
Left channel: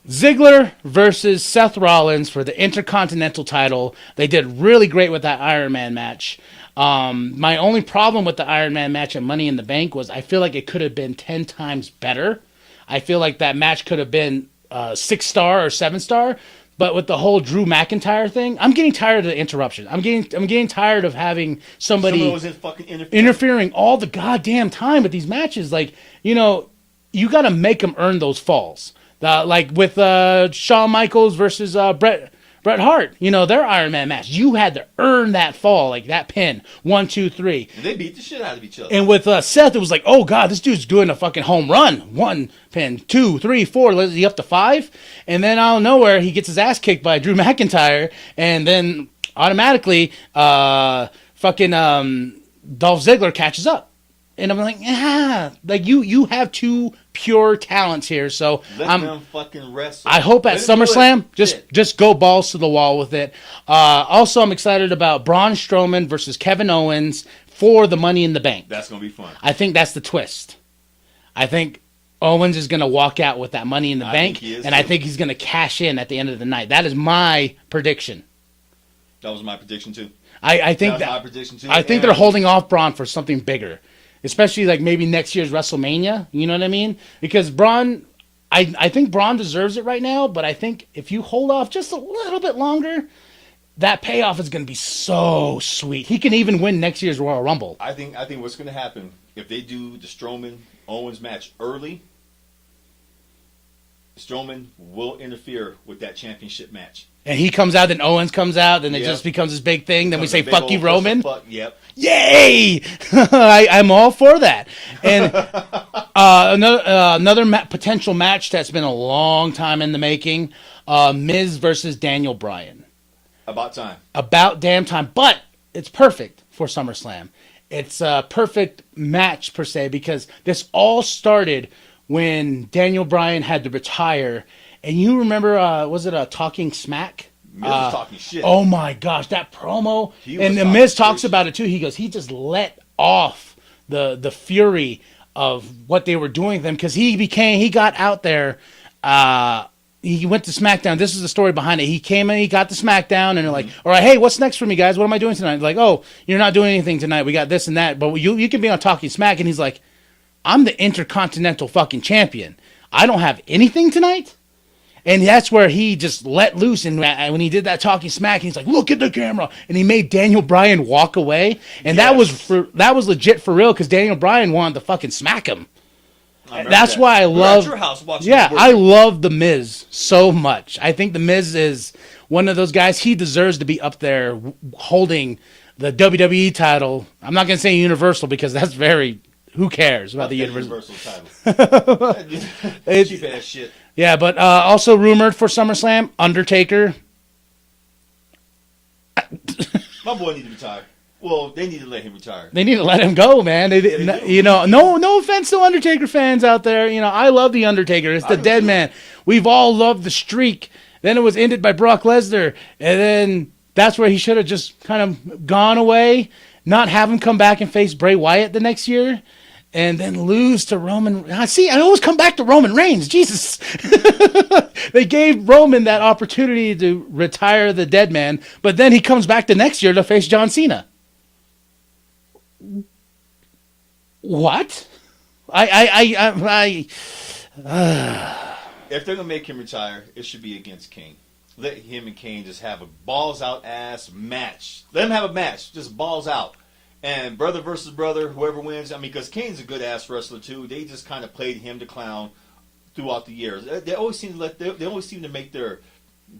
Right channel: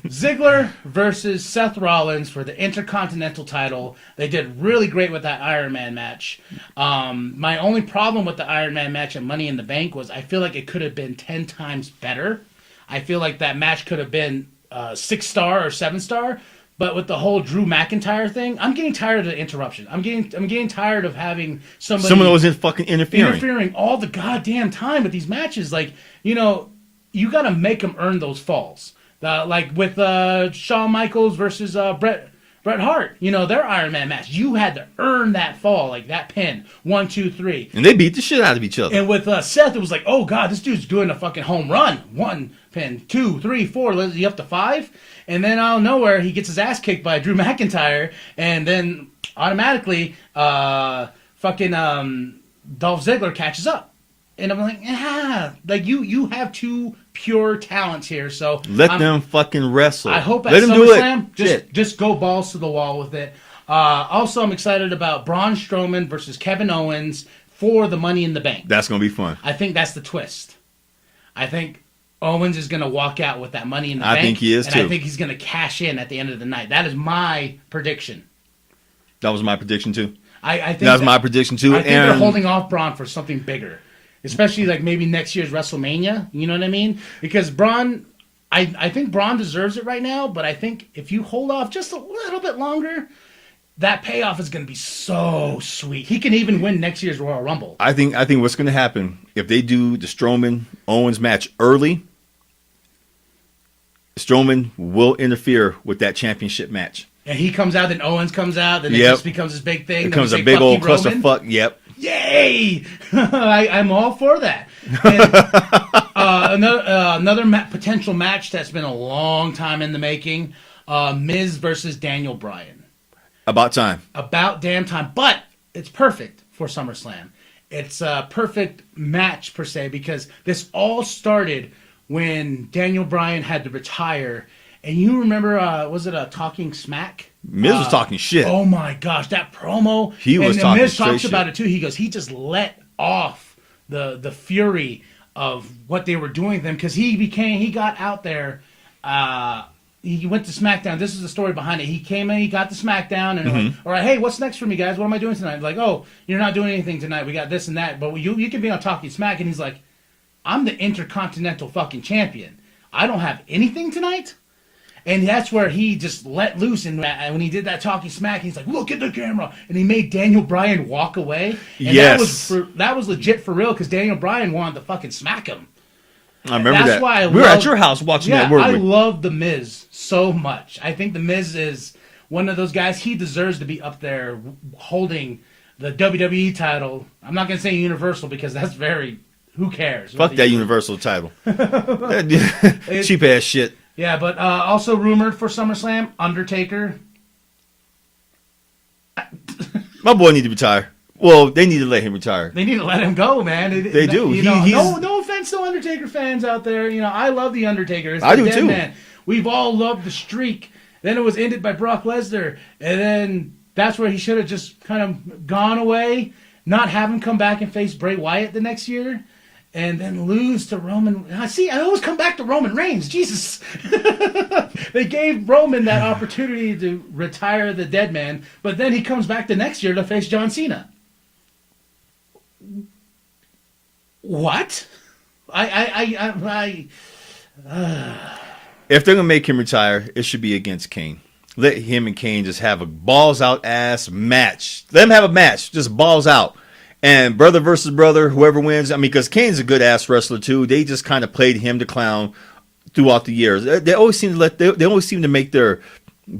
Ziggler versus Seth Rollins for the Intercontinental title. They did really great with that Iron Man match. My only problem with the Iron Man match at Money in the Bank was I feel like it could have been 10 times better. I feel like that match could have been 6-star or 7-star. But with the whole Drew McIntyre thing, I'm getting tired of the interruption. I'm getting tired of having someone was fucking interfering all the goddamn time with these matches. Like, you got to make them earn those falls. Like with Shawn Michaels versus Bret Hart, their Iron Man match. You had to earn that fall, like that pin. 1, 2, 3. And they beat the shit out of each other. And with Seth, it was like, oh God, this dude's doing a fucking home run. 1 pin, 2, 3, 4. Is he up to 5? And then out of nowhere, he gets his ass kicked by Drew McIntyre, and then automatically, fucking Dolph Ziggler catches up. And I'm like, like you have 2 pure talents here, so let them fucking wrestle. I hope at SummerSlam, just go balls to the wall with it. Also, I'm excited about Braun Strowman versus Kevin Owens for the Money in the Bank. That's gonna be fun. I think that's the twist. I think Owens is going to walk out with that Money in the Bank. I think he is, and too. I think he's going to cash in at the end of the night. That is my prediction. That was my prediction, too. I think that's my prediction, too. I think they're holding off Braun for something bigger. especially like maybe next year's WrestleMania. You know what I mean? Because Braun, I think Braun deserves it right now, but I think if you hold off just a little bit longer, that payoff is going to be so sweet. He can even win next year's Royal Rumble. I think what's going to happen if they do the Strowman Owens match early, Strowman will interfere with that championship match. And he comes out, then Owens comes out, and it just bemes this big thing. Then we say, fuck you, Roman. Yep. Yay! I'm all for that. And another potential match that's been a long time in the making, Miz versus Daniel Bryan. About time. About damn time. But it's perfect for SummerSlam. It's a perfect match, per se, because this all started when Daniel Bryan had to retire. And you remember, was it a Talking Smack? Miz was talking shit. Oh my gosh, that promo. He was and talking Miz talks shit. about it too. He goes, he just let off the fury of what they were doing to them, because he got out there. He went to SmackDown. This is the story behind it. He came in, he got to SmackDown, and they're like, all right, hey, what's next for me, guys? What am I doing tonight? Like, oh, you're not doing anything tonight. We got this and that, but you can be on Talking Smack. And he's like, I'm the Intercontinental fucking champion. I don't have anything tonight? And that's where he just let loose. And when he did that Talking Smack, he's like, look at the camera. And he made Daniel Bryan walk away. And Yes. that was legit for real, because Daniel Bryan wanted to fucking smack him. I remember That's that. why I we were love. at your house watching Yeah, that. weren't I we? love The Miz so much. I think The Miz is one of those guys. He deserves to be up there holding the WWE title. I'm not going to say Universal, because that's very. Who cares? Fuck about that the Universal title. Cheap ass shit. Yeah, but also rumored for SummerSlam, Undertaker. My boy need to retire. Well, they need to let him retire. They need to let him go, man. They do. You know, no offense to Undertaker fans out there. You know, I love the Undertaker. It's I the do dead too. man. We've all loved the streak. Then it was ended by Brock Lesnar, and then that's where he should have just kind of gone away, not have him come back and face Bray Wyatt the next year, and then lose to Roman. See, I always come back to Roman Reigns. Jesus. They gave Roman that opportunity to retire the dead man, but then he comes back the next year to face John Cena. What? If they're gonna make him retire, it should be against Kane. Let him and Kane just have a balls out ass match. Let them have a match, just balls out. And brother versus brother, whoever wins. I mean, because Kane's a good ass wrestler too. They just kind of played him the clown throughout the years. They always seem to they always seem to make their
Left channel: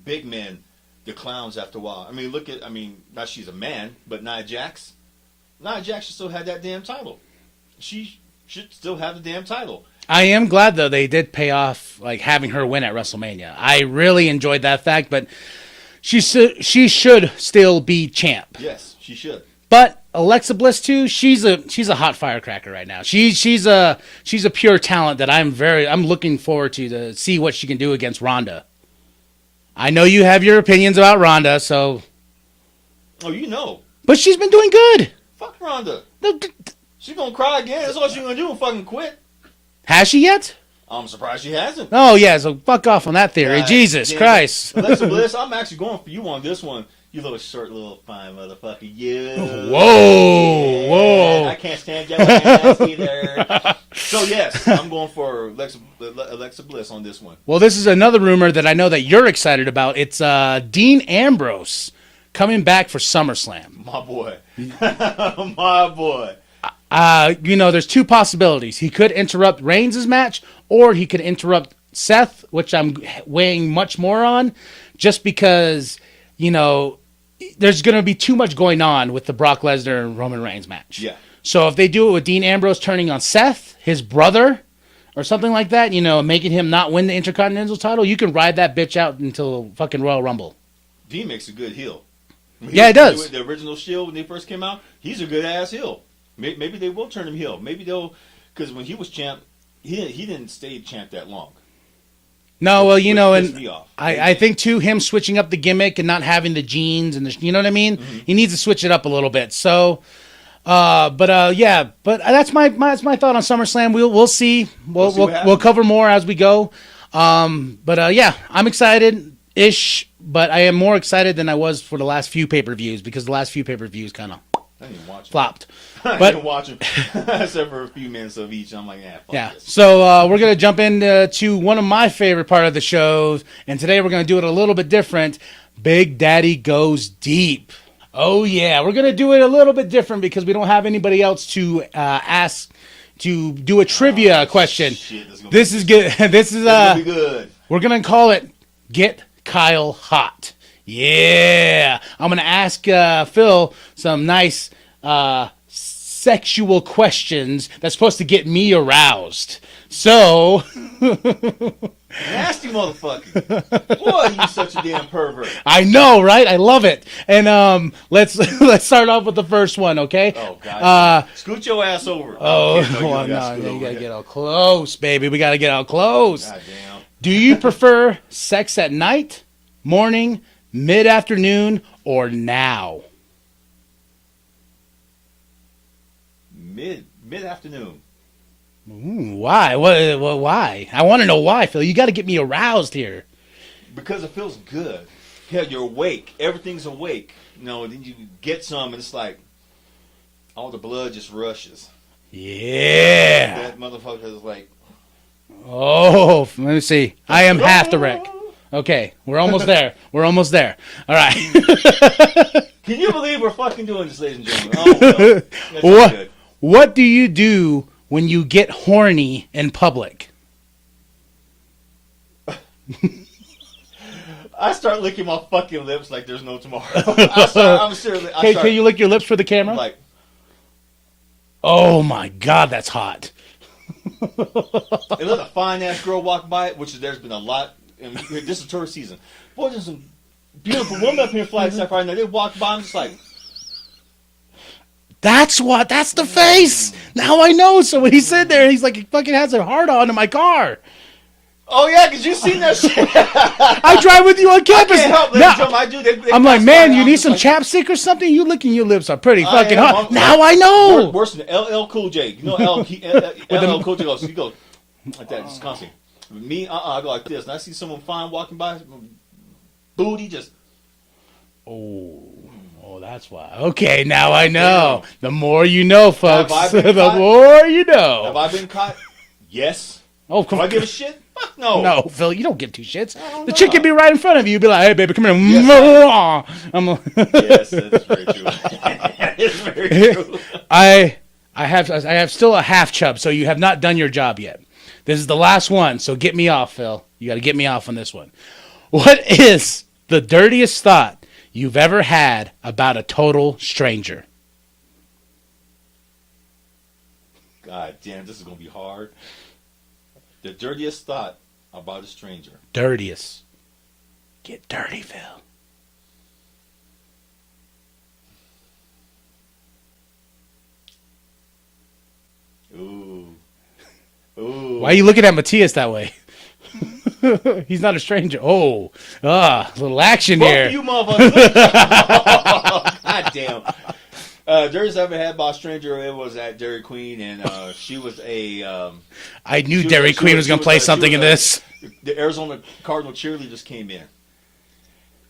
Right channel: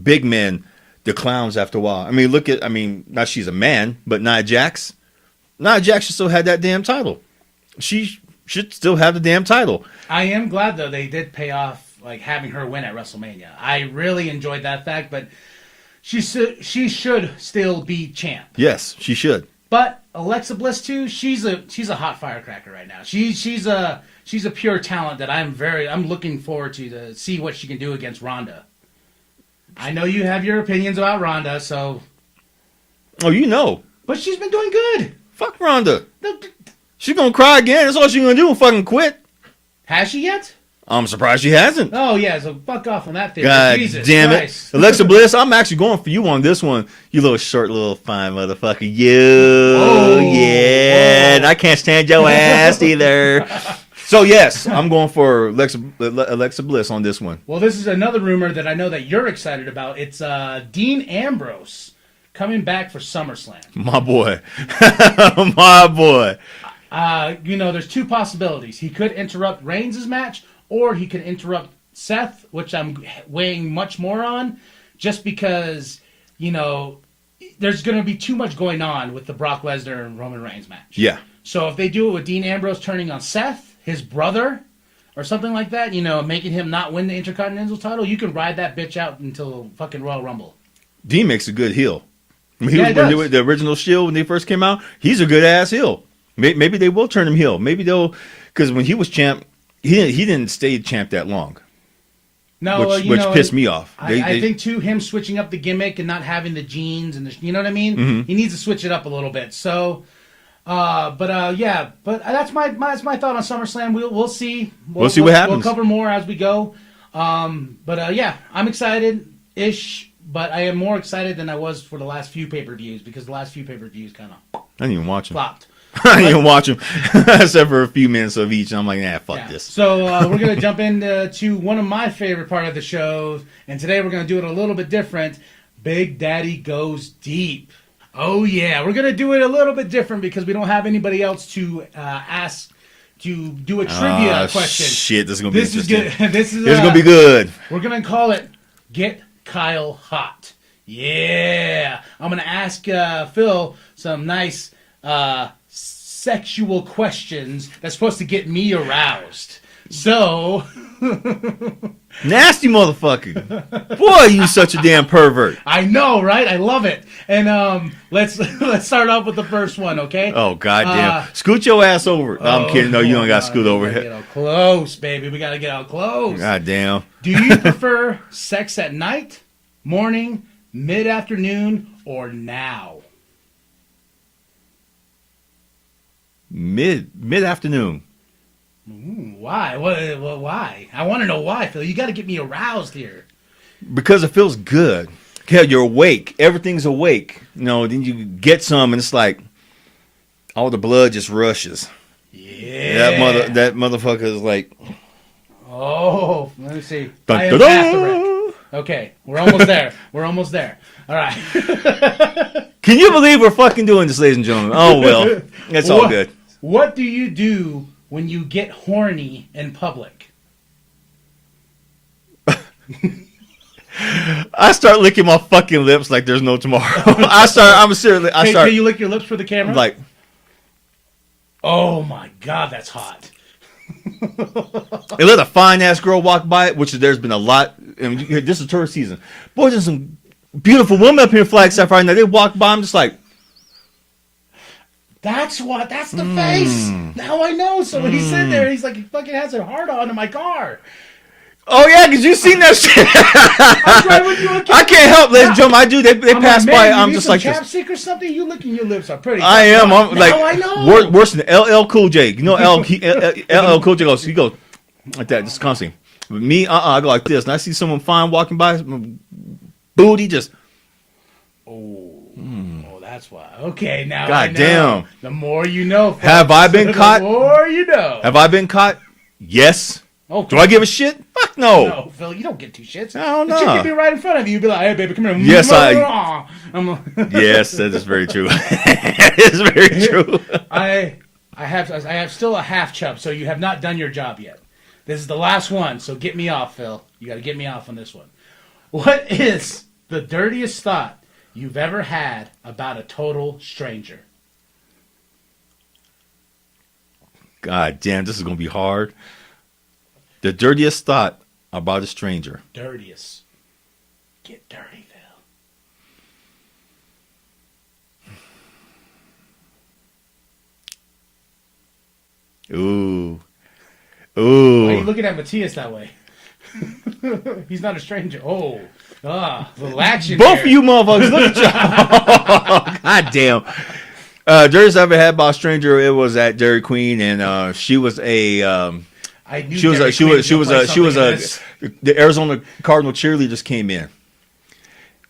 big men the clowns after a while. I mean, now she's a man, but Nia Jax should still have that damn title. She should still have the damn title. I am glad, though, they did pay off, like, having her win at WrestleMania. I really enjoyed that fact, but she should still be champ. Yes, she should. But Alexa Bliss too, she's a hot firecracker right now. She's a pure talent that I'm looking forward to see what she can do against Ronda. I know you have your opinions about Ronda, so. Oh, you know. But she's been doing good. Fuck Ronda. She's gonna cry again. That's all she's gonna do. Fucking quit. Has she yet? I'm surprised she hasn't. Oh yeah, so fuck off on that theory. God Jesus damn Christ. it. Alexa Bliss, I'm actually going for you on this one. You little short, little fine motherfucker. You. Whoa. Yeah. Whoa. And I can't stand your ass either. So yes, I'm going for Alexa Bliss on this one. Well, this is another rumor that I know that you're excited about. It's Dean Ambrose coming back for SummerSlam. My boy. My boy. There's two possibilities. He could interrupt Reigns' match, or he could interrupt Seth, which I'm weighing much more on, just because, there's going to be too much going on with the Brock Lesnar and Roman Reigns match. Yeah. So if they do it with Dean Ambrose turning on Seth, his brother, or something like that, making him not win the Intercontinental title, you can ride that bitch out until fucking Royal Rumble. Dean makes a good heel. Yeah, he does. The original Shield, when they first came out, he's a good ass heel. Maybe they will turn him heel. Maybe they'll, because when he was champ, he didn't stay champ that long. No, which pissed me off. I think too, him switching up the gimmick and not having the jeans and you know what I mean. Mm-hmm. He needs to switch it up a little bit. So, but that's my thought on SummerSlam. We'll see. We'll see what happens. We'll cover more as we go. I'm excited ish, but I am more excited than I was for the last few pay-per-views, because the last few pay-per-views kind of I didn't even watch him. flopped. I didn't even watch them except for a few minutes of each. And I'm like, nah, fuck this. So we're going to jump into one of my favorite part of the show. And today we're going to do it a little bit different. Big Daddy Goes Deep. Oh, yeah. We're going to do it a little bit different because we don't have anybody else to ask to do a trivia question. Shit, this is going to be good. This is going to be good. We're going to call it Get Kyle Hot. Yeah. I'm going to ask Phil some nice sexual questions that's supposed to get me aroused. So... Nasty motherfucker. Boy, you such a damn pervert. I know, right? I love it. And let's start off with the first one, okay? Oh, goddamn. Scoot your ass over. No, I'm kidding. No, you don't got to scoot over. Get out close, baby. We got to get out close. Goddamn. Do you prefer sex at night, morning, mid-afternoon, or now? Mid-afternoon. Why? Why? I want to know why, Phil. You got to get me aroused here. Because it feels good. Yeah, you're awake. Everything's awake. You know, then you get some, and it's like all the blood just rushes. Yeah. That motherfucker is like. Oh, let me see. I am past the wreck. Okay, we're almost there. We're almost there. All right. Can you believe we're fucking doing this, ladies and gentlemen? Oh, well. It's all good. What do you do when you get horny in public? I start licking my fucking lips like there's no tomorrow. I'm seriously. Can you lick your lips for the camera? Like, oh my God, that's hot. They let a fine ass girl walk by, which there's been a lot. And this is tourist season. Boy, there's some beautiful women up here in Flagstaff right now. They walk by, I'm just like, that's the face. Now I know. So when he's sitting there, he's like, he fucking has a hard on in my car. oh yeah, because you seen that shit. I drive with you on campus. I can't help, ladies and gentlemen. I do. They I'm pass like, man, by. you I'm need just some like chapstick or something? You licking your lips are pretty I fucking am. hot. I'm Now like, I know. Worse than LL Cool J. You know LL Cool J goes. He goes like that, just constantly. With me, I go like this, and I see someone fine walking by, booty just. Oh, that's why. Okay, now God I know. damn. The more you know, folks. Have I been caught? The more you know. Have I been caught? Yes. Oh, do I give a shit? Fuck no. No, Phil, you don't give two shits. No, the no. chick can be right in front of you. You'd be like, hey, baby, come here. Yes, Yes, that is very true. It's very true. I have still a half chub, so you have not done your job yet. This is the last one, so get me off, Phil. You got to get me off on this one. What is the dirtiest thought you've ever had about a total stranger? God damn, this is going to be hard. The dirtiest thought about a stranger. Dirtiest. Get dirty, Phil. Ooh. Ooh. Why are you looking at Matias that way? He's not a stranger. Oh. A little action Both there. of you motherfuckers. Look at God damn. Dirtiest I ever had about a stranger, it was at Dairy Queen, and she was a... I knew Dairy Queen was going to play something in this. The Arizona Cardinal cheerleaders came in.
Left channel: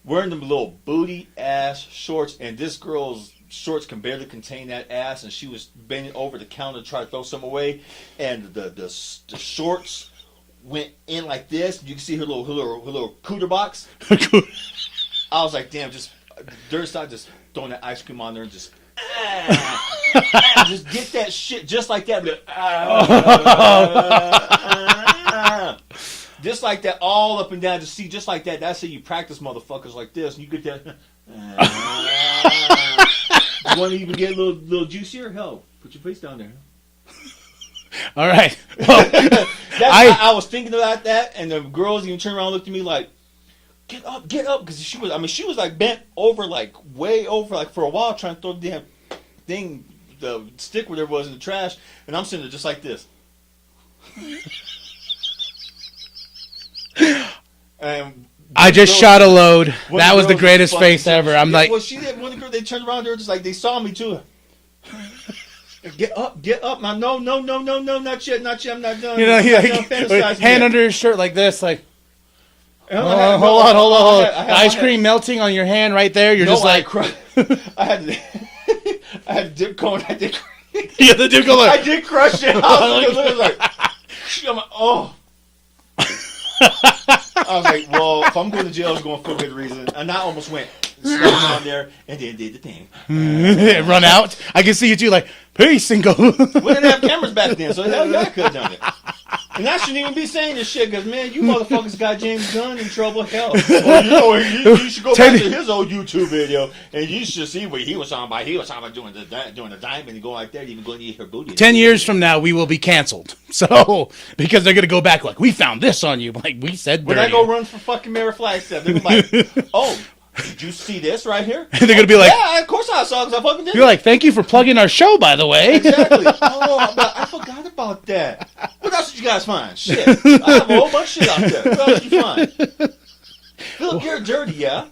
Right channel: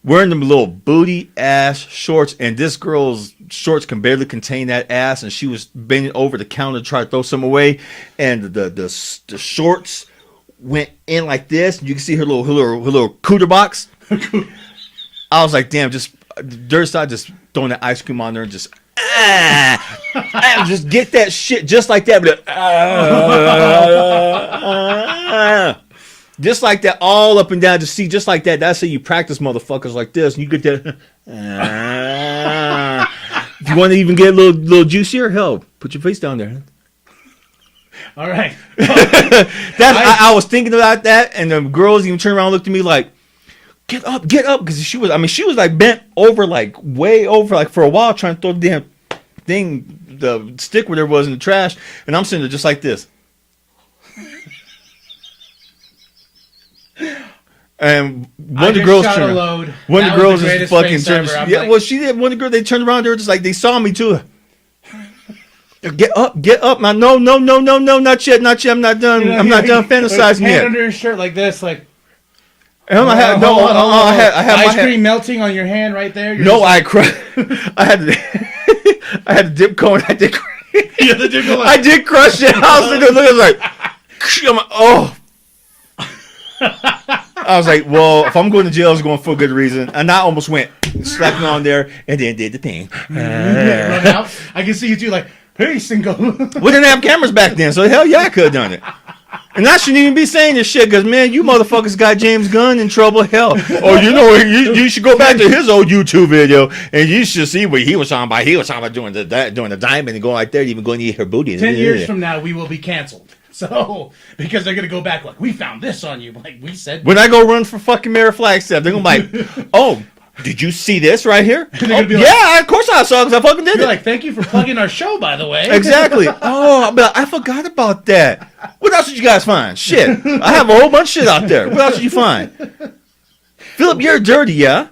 Wearing them little booty-ass shorts, and this girl's shorts can barely contain that ass, and she was bending over the counter to try to throw some away, and the shorts went in like this, and you can see her little cooter box. I was like, damn, just dirt side, just throwing that ice cream on there and just just get that shit just like that, but just like that, all up and down. Just see, just like that. That's how you practice, motherfuckers, like this. And you get that. You want to even get a little juicier? Hell, put your face down there. All right. I was thinking about that, and the girls even turned around and looked at me like, get up, because she was like bent over, like way over, like for a while, trying to throw the damn thing, the stick where there was in the trash, and I'm sitting there just like this. And I just shot a load. That was the greatest face ever. I'm like, well, she did. One of the girls, they turned around, they were just like, they saw me too. Get up. No, not yet. I'm not done. I'm not done fantasizing yet. Hand under your shirt like this, like. I had ice cream melting on your hand right there. I had a dip cone. I did. I did crush it. I was looking like, I'm like, oh. I was like, well, if I'm going to jail, it's going for a good reason. And I almost went, slapped me on there, and then did the thing. Run out. I can see you two like, peace and go. We didn't have cameras back then, so hell yeah, I could have done it. And I shouldn't even be saying this shit, because, man, you motherfuckers got James Gunn in trouble. Hell. Or, you should go back to his old YouTube video, and you should see what he was talking about. He was talking about doing the diamond and going like there, even going to eat her booty. 10 years from now, we will be canceled. So, because they're going to go back like, we found this on you. Like, we said. When I go run for fucking Mayor Flagstaff, they're going to be like, oh, did you see this right here? And they're going to be like, yeah, of course I saw it, because I fucking did it. You're like, thank you for plugging our show, by the way. Exactly. Oh, but I forgot about that. What else did you guys find? Shit. I have a whole bunch of shit out there. What else did you find? Philip, you're dirty, yeah?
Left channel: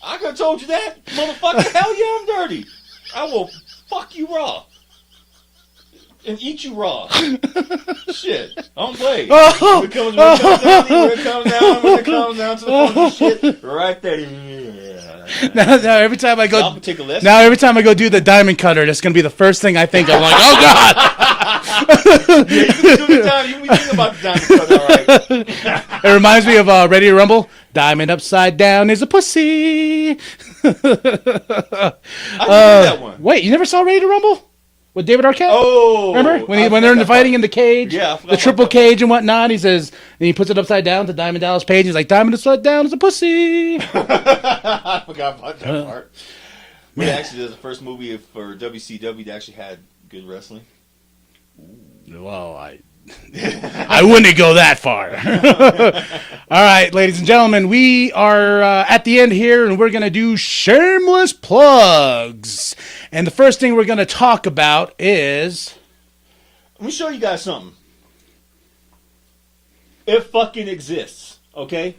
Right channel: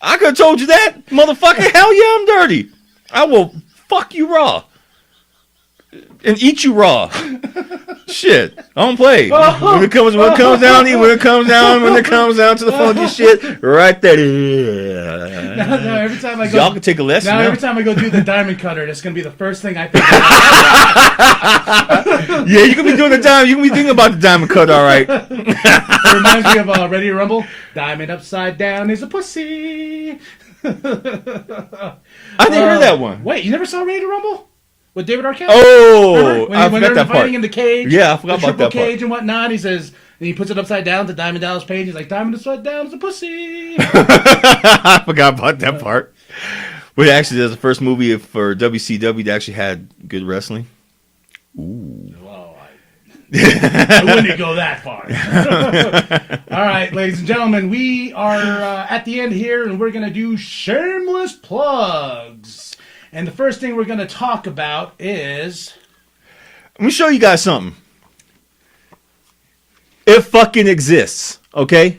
I could have told you that, motherfucker. Hell yeah, I'm dirty. I will fuck you raw. And eat you raw. Shit. I don't play. When it comes down to the funky shit, right there. Now every time I go, y'all can take a lesson. Now every time I go do the diamond cutter, that's gonna be the first thing I think of. Like, oh God. Yeah, you can be doing the time. You can be thinking about the diamond cut, all right. It reminds me of Ready to Rumble. Diamond upside down is a pussy. I didn't hear that one. Wait, you never saw Ready to Rumble? With David Arquette? Oh, remember? When they're fighting in the cage? Yeah, I forgot the about triple that cage and whatnot. He says, and he puts it upside down to Diamond Dallas Page. He's like, Diamond upside down is a pussy. I forgot about that part. Well, actually, there's the first movie for WCW that actually had good wrestling. Ooh. Well, I wouldn't go that far. All right, ladies and gentlemen, we are at the end here, and we're going to do shameless plugs. And the first thing we're going to talk about is... Let me show you guys something. It fucking exists, okay?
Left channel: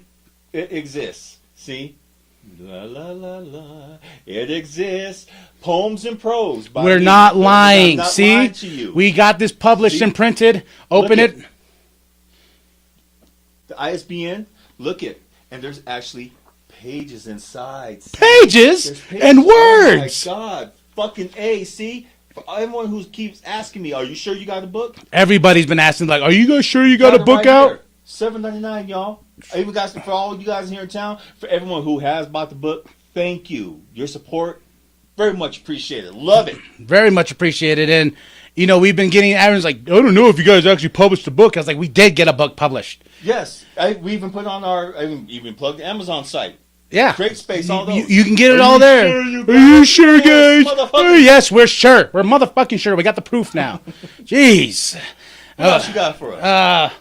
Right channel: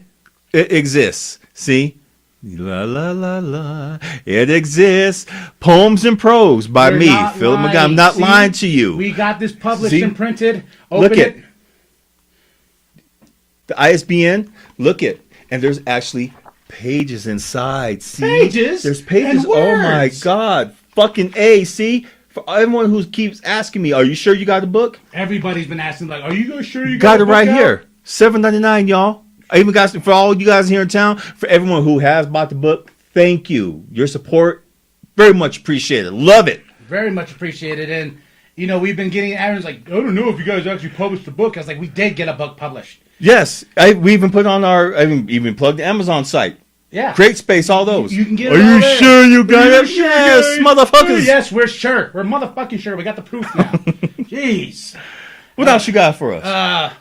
It exists. See? La la la la. It exists. Poems and Prose by We're me. not lying. I'm not See? lying to you. We got this published See? and printed. Open Look it. The ISBN. Look it. And there's actually pages inside. See? Pages? There's pages. And words. Oh my God. Fucking A. See? For everyone who keeps asking me, are you sure you got the book? Everybody's been asking, like, are you guys sure you got it a book right out? here. $7.99, y'all. I even got for all you guys here in town. For everyone who has bought the book, thank you. Your support, very much appreciated. Love it. Very much appreciated. And, you know, we've been getting Aaron's like, I don't know if you guys actually published the book. I was like, we did get a book published. Yes. We even put on I even plugged the Amazon site. Yeah. Create Space, all those. You can get it all there. Sure you guys? Are you sure, Yes, guys? motherfuckers. Yes, we're sure. We're motherfucking sure. We got the proof now. Jeez. What else you got for us?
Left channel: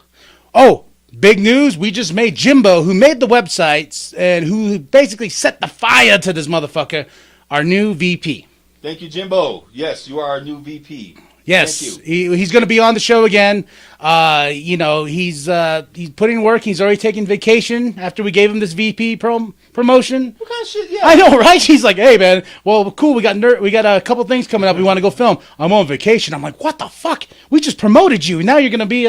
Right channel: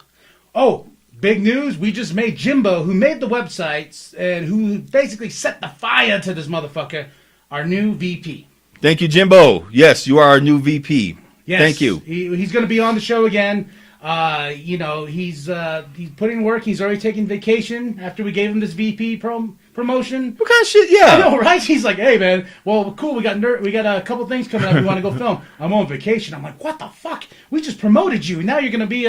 Oh, big news. We just made Jimbo, who made the websites and who basically set the fire to this motherfucker, our new VP. Thank you, Jimbo. Yes, you are our new VP. Yes. Thank you. He's going to be on the show again. You know, he's putting in work. He's already taking vacation after we gave him this VP promotion. What kind of shit? Yeah. I know, right? He's like, hey, man, well, cool. We got a couple things coming up. We want to go film. I'm on vacation. I'm like, what the fuck? We just promoted you. Now you're going to be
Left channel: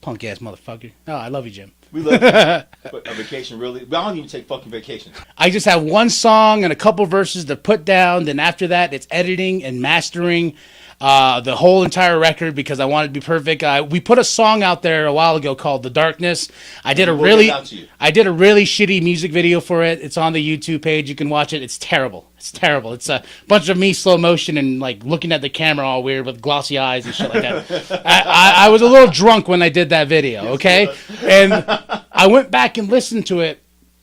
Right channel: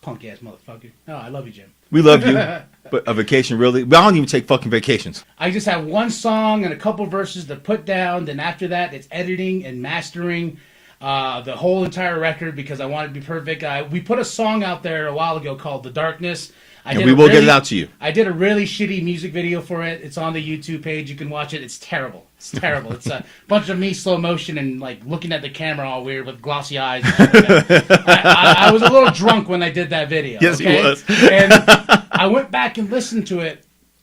punk ass motherfucker. Oh, I love you, Jim. We love you. But a vacation, really? I don't even take fucking vacations. I just have one song and a couple verses to put down. Then after that, it's editing and mastering the whole entire record because I want it to be perfect. We put a song out there a while ago called "The Darkness." We will get it out to you. I did a really shitty music video for it. It's on the YouTube page. You can watch it. It's terrible. It's terrible. It's a bunch of me slow motion and like looking at the camera all weird with glossy eyes and shit like that. I was a little drunk when I did that video. Yes, okay, he was. and I went back and listened to it,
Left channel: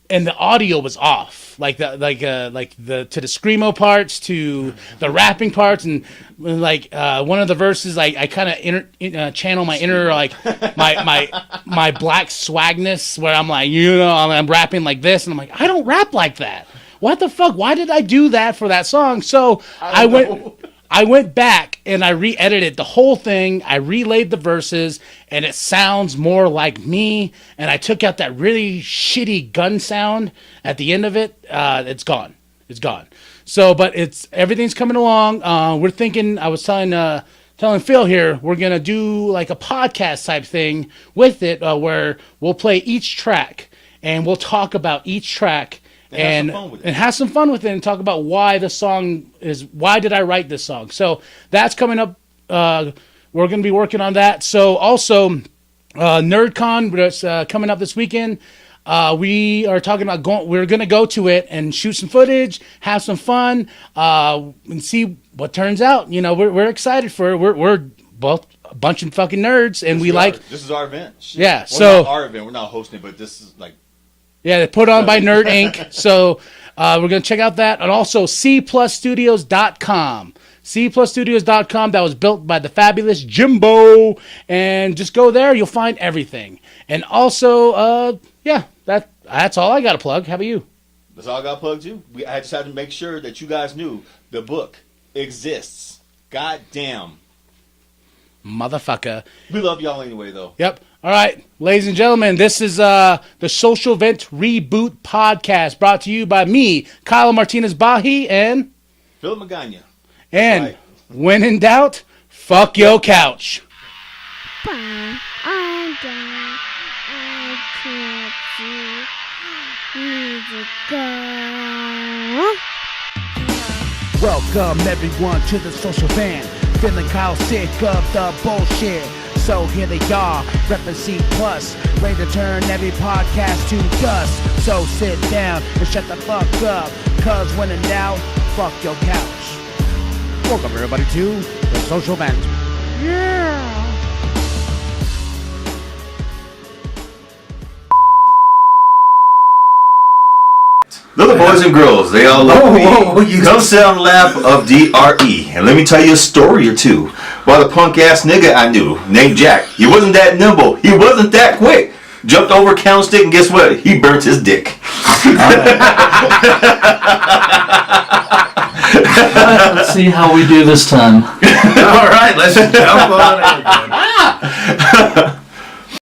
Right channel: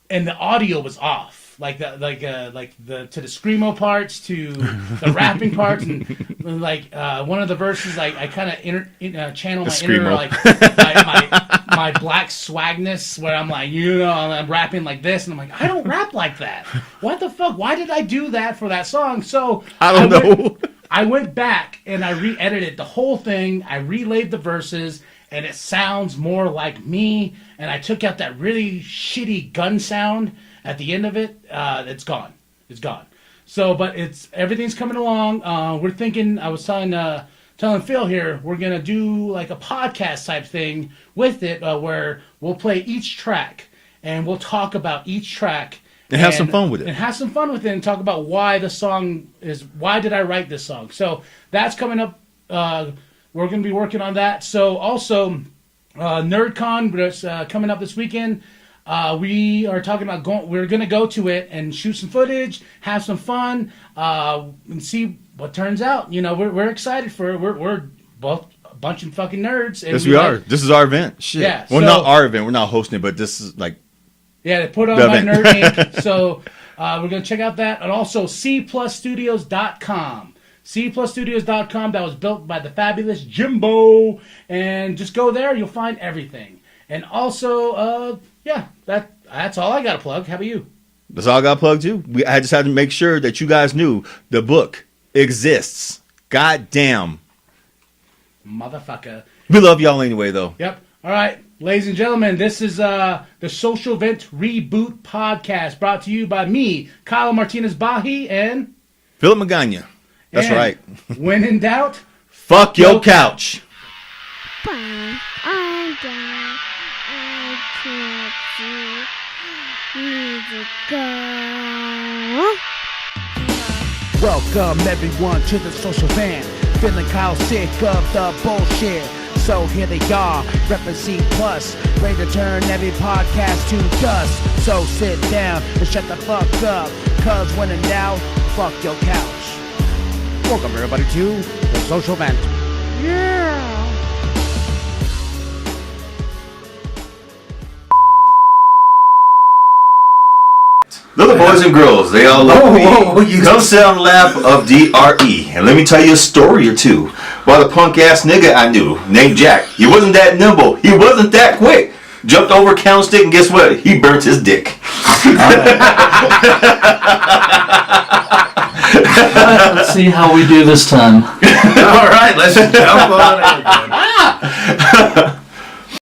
and the audio was off. To the screamo parts, to the rapping parts, and like one of the verses, I kind of channel my inner my black swagness, where I'm like, I'm rapping like this, and I'm like, I don't rap like that. What the fuck? Why did I do that for that song? So I don't know. I went back and I re-edited the whole thing. I relayed the verses, and it sounds more like me. And I took out that really shitty gun sound at the end of it. It's gone. It's gone. So, but everything's coming along. We're thinking. I was telling Phil here, we're gonna do like a podcast type thing with it, where we'll play each track and we'll talk about each track And have some fun with it. And have some fun with it and talk about why the song is, why did I write this song? So that's coming up. We're going to be working on that. So also, NerdCon that's coming up this weekend. We are talking about we're going to go to it and shoot some footage, have some fun, and see what turns out. You know, we're excited for it. We're both a bunch of fucking nerds, and This is our event. Shit. Yeah, well, so, not our event. We're not hosting it, but this is like. Yeah, they put on by Nerd Inc. So we're going to check out that. And also cplusstudios.com. cplusstudios.com. That was built by the fabulous Jimbo. And just go there. You'll find everything. And also, that's all I got to plug. How about you? That's all I got to plug too. I just had to make sure that you guys knew the book exists. Goddamn. Motherfucker. We love y'all anyway, though. Yep. All right, ladies and gentlemen, this is the Social Vent Reboot Podcast, brought to you by me, Kyle Martinez Bahi, and Philip Magana. That's right. When in doubt, fuck your couch. I'm down. I can't see. Need to go. Welcome everyone to the Social Van. Feeling Kyle sick of the bullshit. So here they are, reppin' C+, ready to turn every podcast to dust. So sit down and shut the fuck up, cause when in doubt, fuck your couch. Welcome everybody to the Social Vent. Yeah. Little boys and girls, they all love me. Come sit on the lap of DRE, and let me tell you a story or two. About a punk-ass nigga I knew, named Jack. He wasn't that nimble. He wasn't that quick. Jumped over a candlestick, and guess what? He burnt his dick. Let's see how we do this time. All right, let's jump on